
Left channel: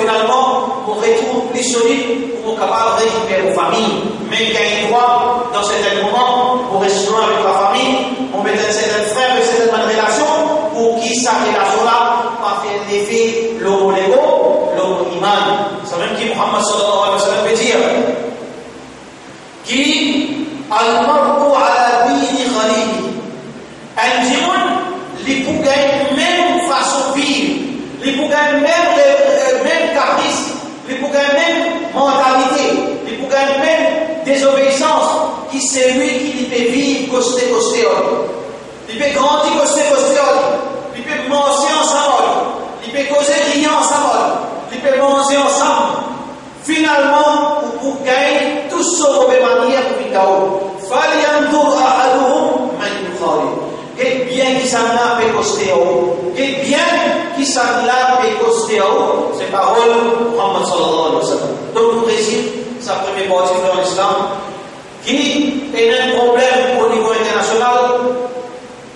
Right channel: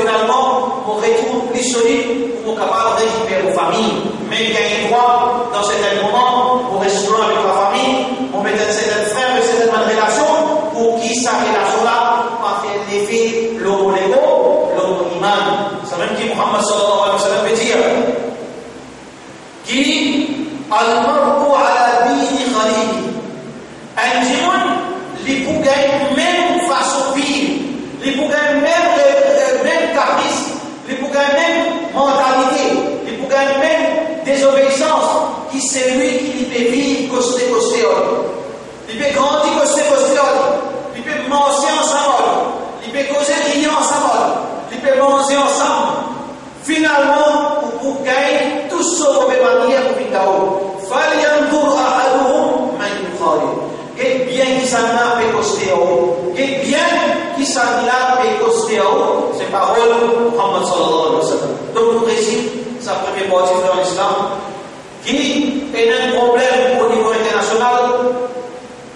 Finalement, mon retour plus solide pour capable de récupérer vos familles. Mais il y a un droit dans certains moments pour rester loin avec la famille, pour mettre certains frères et certaines relations, pour qui sa relation-là va faire l'effet l'homo-lego, l'homo-iman. C'est même qui Muhammad sallallahu alayhi wa sallam veut dire qui al-mar'u ala dini khalili. Un djimoun, les pougaines même façon pire, les pougaines même caprice, les pougaines même mentalité, les pougaines même désobéissance, qui c'est lui qui peut vivre costé. Il peut grandir costé, il peut manger ensemble, il peut causer rien ensemble, il peut manger ensemble. Finalement, pour gagner tout ce qu'on peut manier pour Vidao. Faliandur ahaduhum man yukhari. Et bien qui s'en a pécosté, et bien qui s'en a pécosté, c'est parole de Muhammad sallallahu alayhi wa sallam. Donc, nous récitons sa première partie dans l'islam, qui est un problème au niveau international,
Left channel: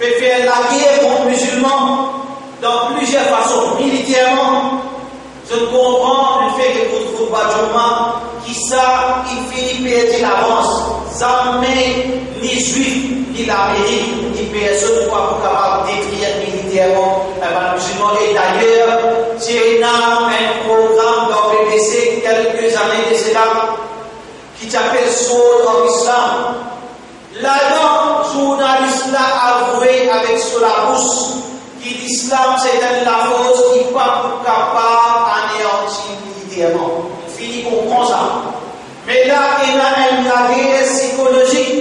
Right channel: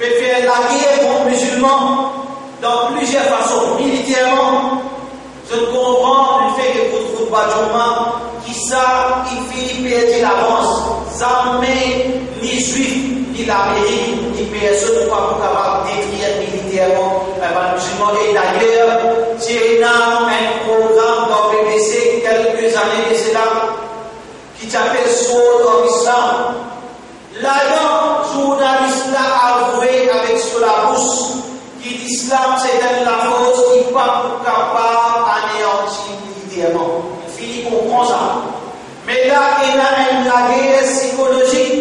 peut faire la guerre contre les musulmans dans plusieurs façons. Militairement, je comprends le fait que vous trouvez Badjouma, qui ça, il finit par perdre l'avance. Jamais ni juifs, ni l'Amérique, ni personne pour capable détruire militairement les musulmans. Et d'ailleurs, il y a un programme dans le BBC quelques années de cela qui s'appelle Sword of Islam. Là-dedans, journaliste a avoué avec sur la bouche que l'islam c'est la force qui n'est pas capable d'anéantir militairement. Il finit pour comprendre ça. Mais là, il y a une guerre psychologique,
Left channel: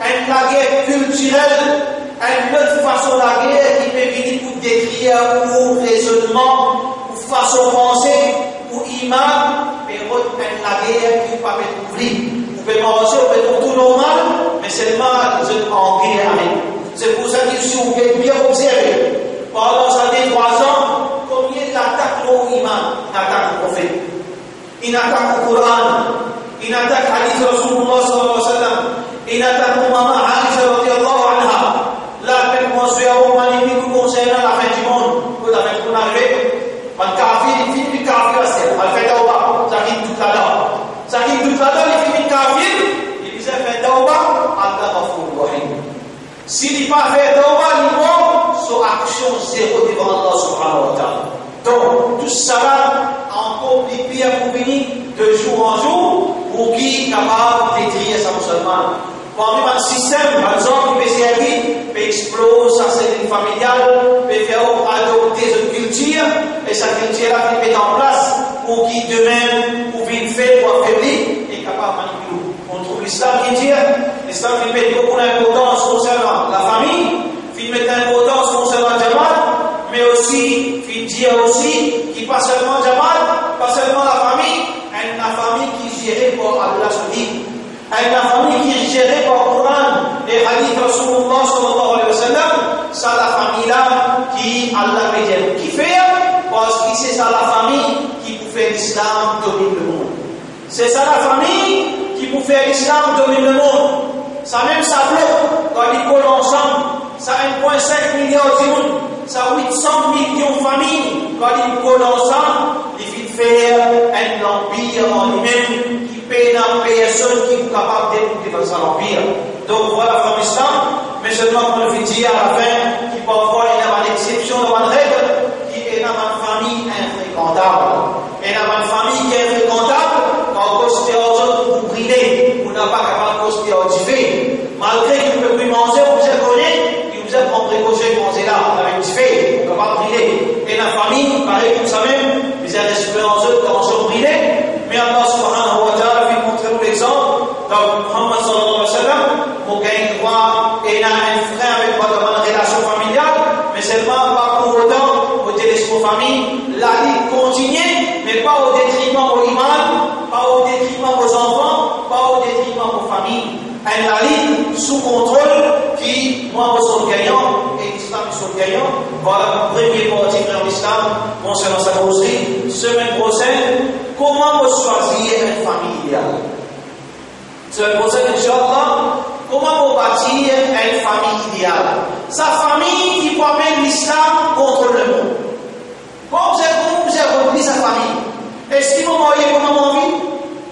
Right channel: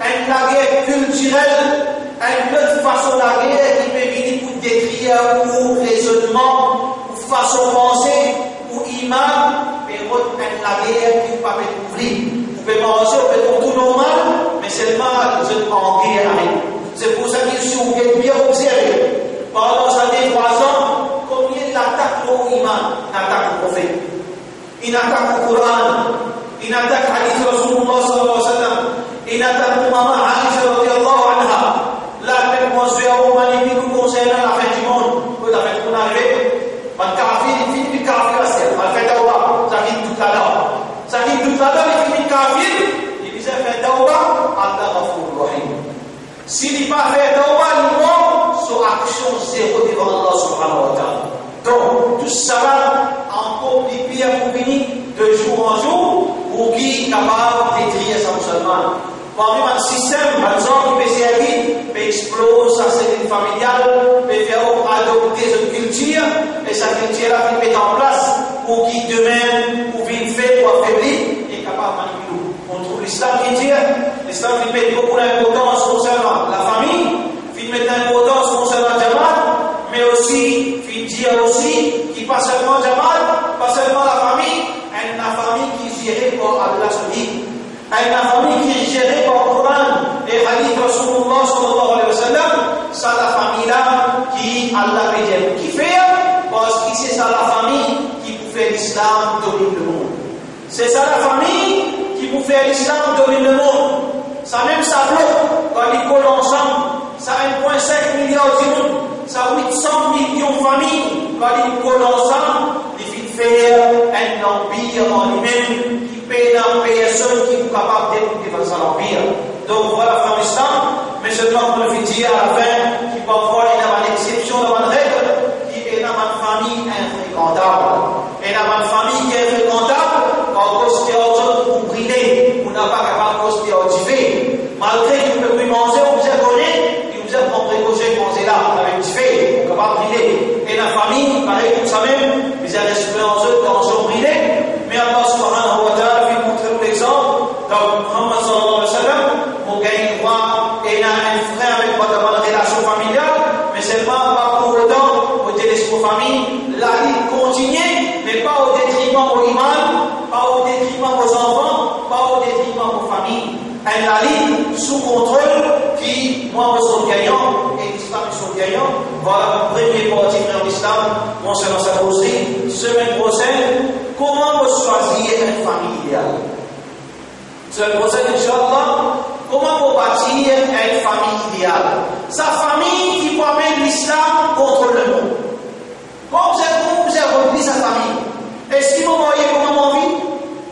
une guerre culturelle, une autre façon de la guerre qui peut venir pour décrire, pour raisonnement, pour façon de penser, pour imam, mais une guerre qui ne peut pas couvrir. Vous pouvez manger, vous pouvez faire tout normal, mais seulement vous êtes en guerre avec. C'est pour ça que si vous êtes bien observé, pendant ces années 3 ans, combien d'attaques au imam, une attaque au prophète, une attaque au Coran, une attaque à hadith Rasulullah sallallahu alayhi wa sallam, une attaque au maman Aisha radiyallahu anha. Là, même moi, je suis à Oman, il nous concernant la fin du monde. Vous avez tout arrivé. Man kafir, il finit du kafir à ce qu'elle fait d'Aouba. Ça arrive tout à l'heure. Ça arrive tout à l'heure, il finit kafir. Il disait fait d'Aouba, Allah Ghafour Rahim. S'il n'est pas fait d'Aouba, il mort, son action zéro devant Allah subhanahu wa ta'ala. Donc, tout ça là, encore plus pire pour venir de jour en jour, pour qui est capable de détruire sa musulmane. Parmi un système, par exemple, qui peut servir, peut exploser sa cellule familiale, peut faire adopter une culture, et sa culture-là qui met en place, pour qui demain, pour vite faire, pour affaiblir, est capable de manipuler. On trouve l'islam qui dit, l'islam qui met beaucoup d'importance concernant la famille, qui met d'importance concernant Jamal, mais aussi, qui dit aussi, qui pas seulement Jamal, pas seulement la famille qui est gérée par Allah Subhanahu. La famille qui est gérée par le Coran et hadith Rasulullah sallallahu alayhi wa sallam, c'est la famille-là qui Allah peut dire qui fait, parce que c'est ça la famille qui peut faire l'islam dominer le monde. C'est ça la famille qui peut faire l'islam dominer le monde. Ça même ça bloque quand ils collent ensemble. Ça 1,5 milliard de monde. Ça 800 millions de familles. Quand ils collent ensemble, il faut faire un empire en lui-même. Paix dans personne qui est capable de développer dans l'empire. Donc voilà la islam, mais seulement pour le dire à la fin, qui parfois il y a une exception dans une règle, qui est dans une famille infréquentable. Et dans une famille qui est infréquentable, quand on se fait aux autres pour briller, on n'a pas capable de se faire audiver. Malgré qu'il ne peut plus manger, on vous a connu, il vous a prendre précaution de manger là, on avait audivé, on ne peut pas briller. Et la famille, pareil comme ça même, ils ont respect aux autres, quand on se briller, mais Allah subhanahu wa ta'ala l'exemple, donc Muhammad sallallahu alayhi wa sallam, pour gagner droit, et il a un frère avec pas de bonne relation familiale, mais seulement pas pour autant, pour la ligne sous contrôle qui, moi, je suis gagnant et l'islam sont gagnants. Voilà, premier parti dans l'islam concernant sa causerie. Semaine prochaine, comment vous choisir une famille idéale? Semaine prochaine, Inch'Allah, comment vous bâtir une famille idéale? Sa famille qui permet l'islam contre le monde. Comment vous avez repris sa famille? Est-ce qu'il m'a marié comme on vit?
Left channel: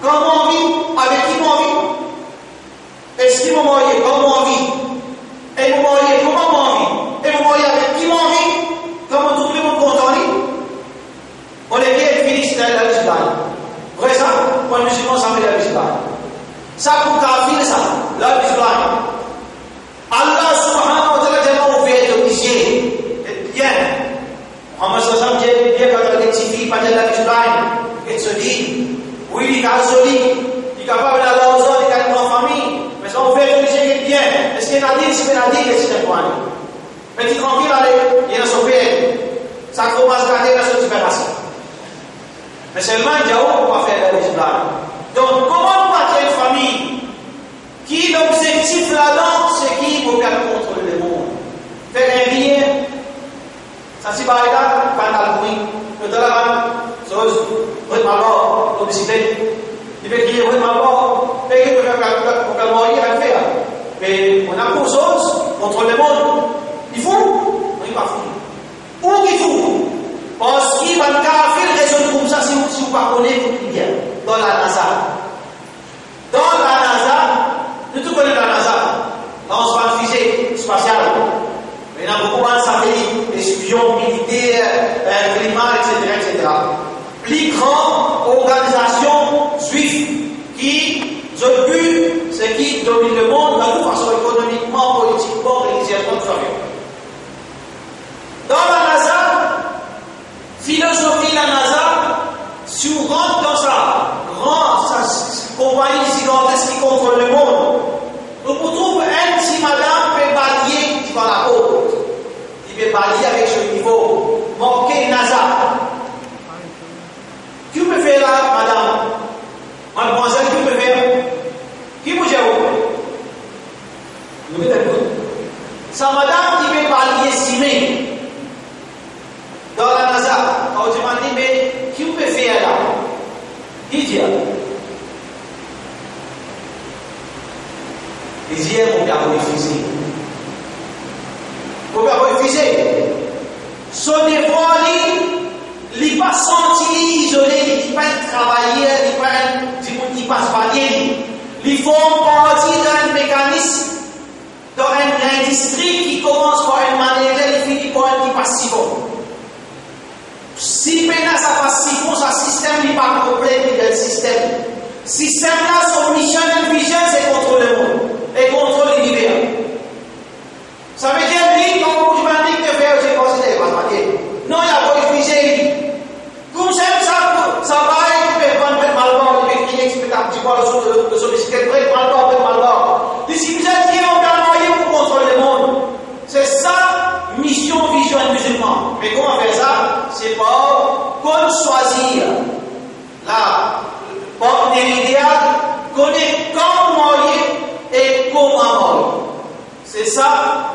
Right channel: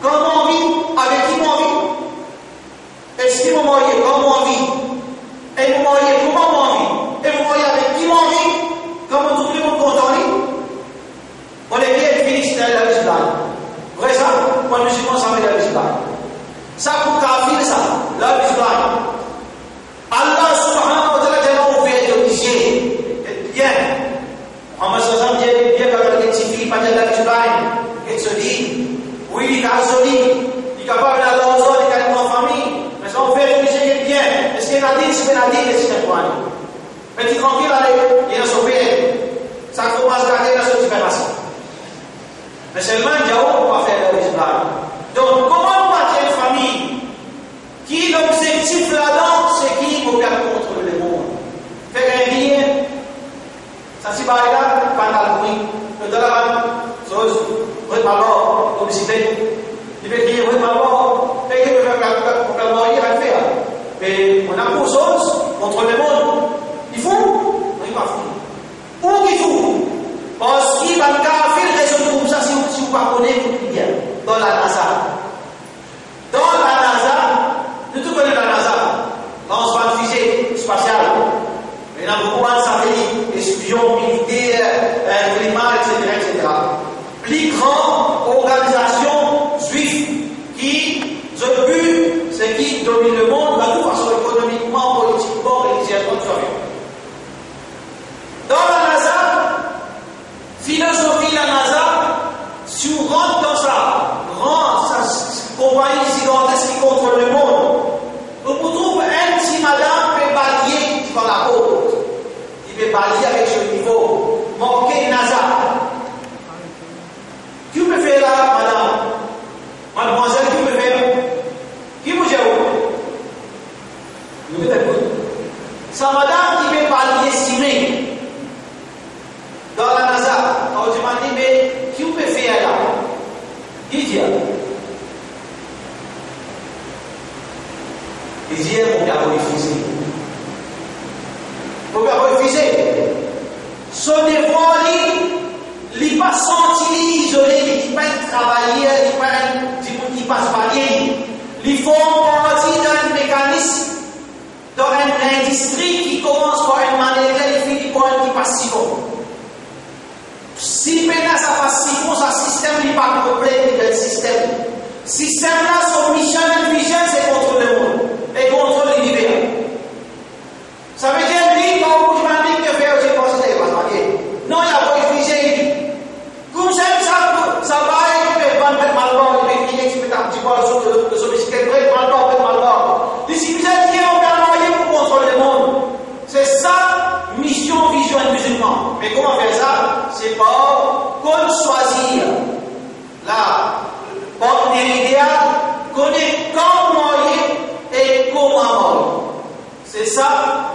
Comment on vit? Avec qui on vit? Est-ce qu'il m'a marié comme on vit? Et vous mariez comment on vit? Et vous mariez avec qui on vit? Comment tout le monde content? On est bien fini, c'est la musulmane. Vrai ça? Pour le musulman, ça veut la musulmane. Ça pour kafir, ça, la musulmane. Allah subhanahu wa ta'ala a ouvert les yeux. Bien. Muhammad sallallahu alayhi wa sallam dit bien quand il rectifie, pas de la musulmane. Il se dit, oui, il est joli, il est capable d'aller aux autres, il est capable de famille. Mais ça, on fait le musulman bien. Est-ce qu'il y a un dit, c'est un dit, c'est un point. Mais tu tranquille, allez, il y a un sauvé. Ça commence à garder la différence. Mais seulement, il y a où on va faire la musulmane. Donc, comment bâtir une famille qui, l'objectif là-dedans, c'est qui vous garde contre le monde? Faire un bien. Ça, c'est par là, quand on a le bruit, le dollar, chose, votre maman, l'obésité, il fait qu'il y ait votre maman, et qu'il faut faire mourir, il va le faire. Mais on a pour chose contre le monde. Il faut? Non, il va fou. Où il faut? Parce qu'il va faire raison comme ça, si vous ne connaissez pas bien. Dans la NASA. Dans la NASA, nous tous connaissons la NASA. Lancement de fusée spatiale. Il y a beaucoup de satellites, espions, militaires, climat, etc. Plus grande organisation juive qui, le but, c'est qui domine le monde de toute façon économiquement, politiquement, religieusement, tout ça. Dans la NASA, philosophie la NASA, si on rentre dans sa compagnie gigantesque qui contrôle le monde, on trouve un petit madame peut balayer dans la côte. Il peut balayer avec ce niveau, manquer NASA. Qui peut faire là, madame? Mademoiselle, qui peut faire? Qui vous gère? Nous mettons écoute. Sa madame qui peut balayer estimé dans la NASA. On se demande, mais qui peut faire là? Qui dit? Il dit, mon père refusé. Mon père refusé. Son effort, il n'est pas senti isolé, il n'est pas travaillé, il ne passe pas bien. Il faut partie d'un mécanisme, dans une industrie qui commence par une manière, il finit par un qui passe si bon. Si maintenant ça passe si bon, ce système n'est pas complet, il y a un système. Système-là, son mission et vision, c'est contrôler le monde et contrôler l'univers. Ça veut dire, lui, quand vous demandez que faire, j'ai considéré, non, il y a pas de fusée. Comme ça va, il peut pas mettre mal bord, il peut crier, il peut un petit peu le solliciteur, mal bord. Et si vous êtes dit, on va moyen pour contrôler le monde. C'est ça, mission, vision et musulman. Mais comment faire ça? C'est pas qu'on choisir la partenaire idéal, connaître quand moyen et comment moyen. C'est ça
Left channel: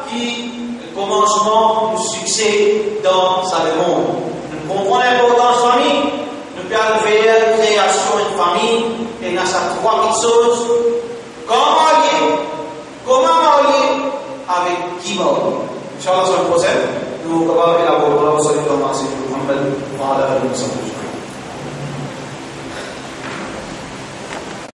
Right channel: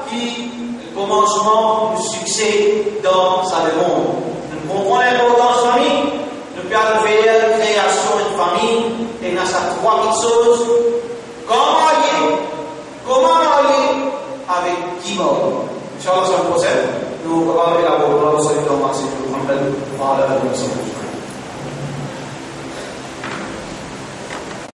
qui est le commencement du succès dans sa monde. Nous comprenons l'importance de la famille, nous pouvons faire la création d'une famille et dans ces trois petites choses. Comment marier avec qui marier? Inch'Allah, la semaine prochaine, nous allons élaborer la solution de Muhammad.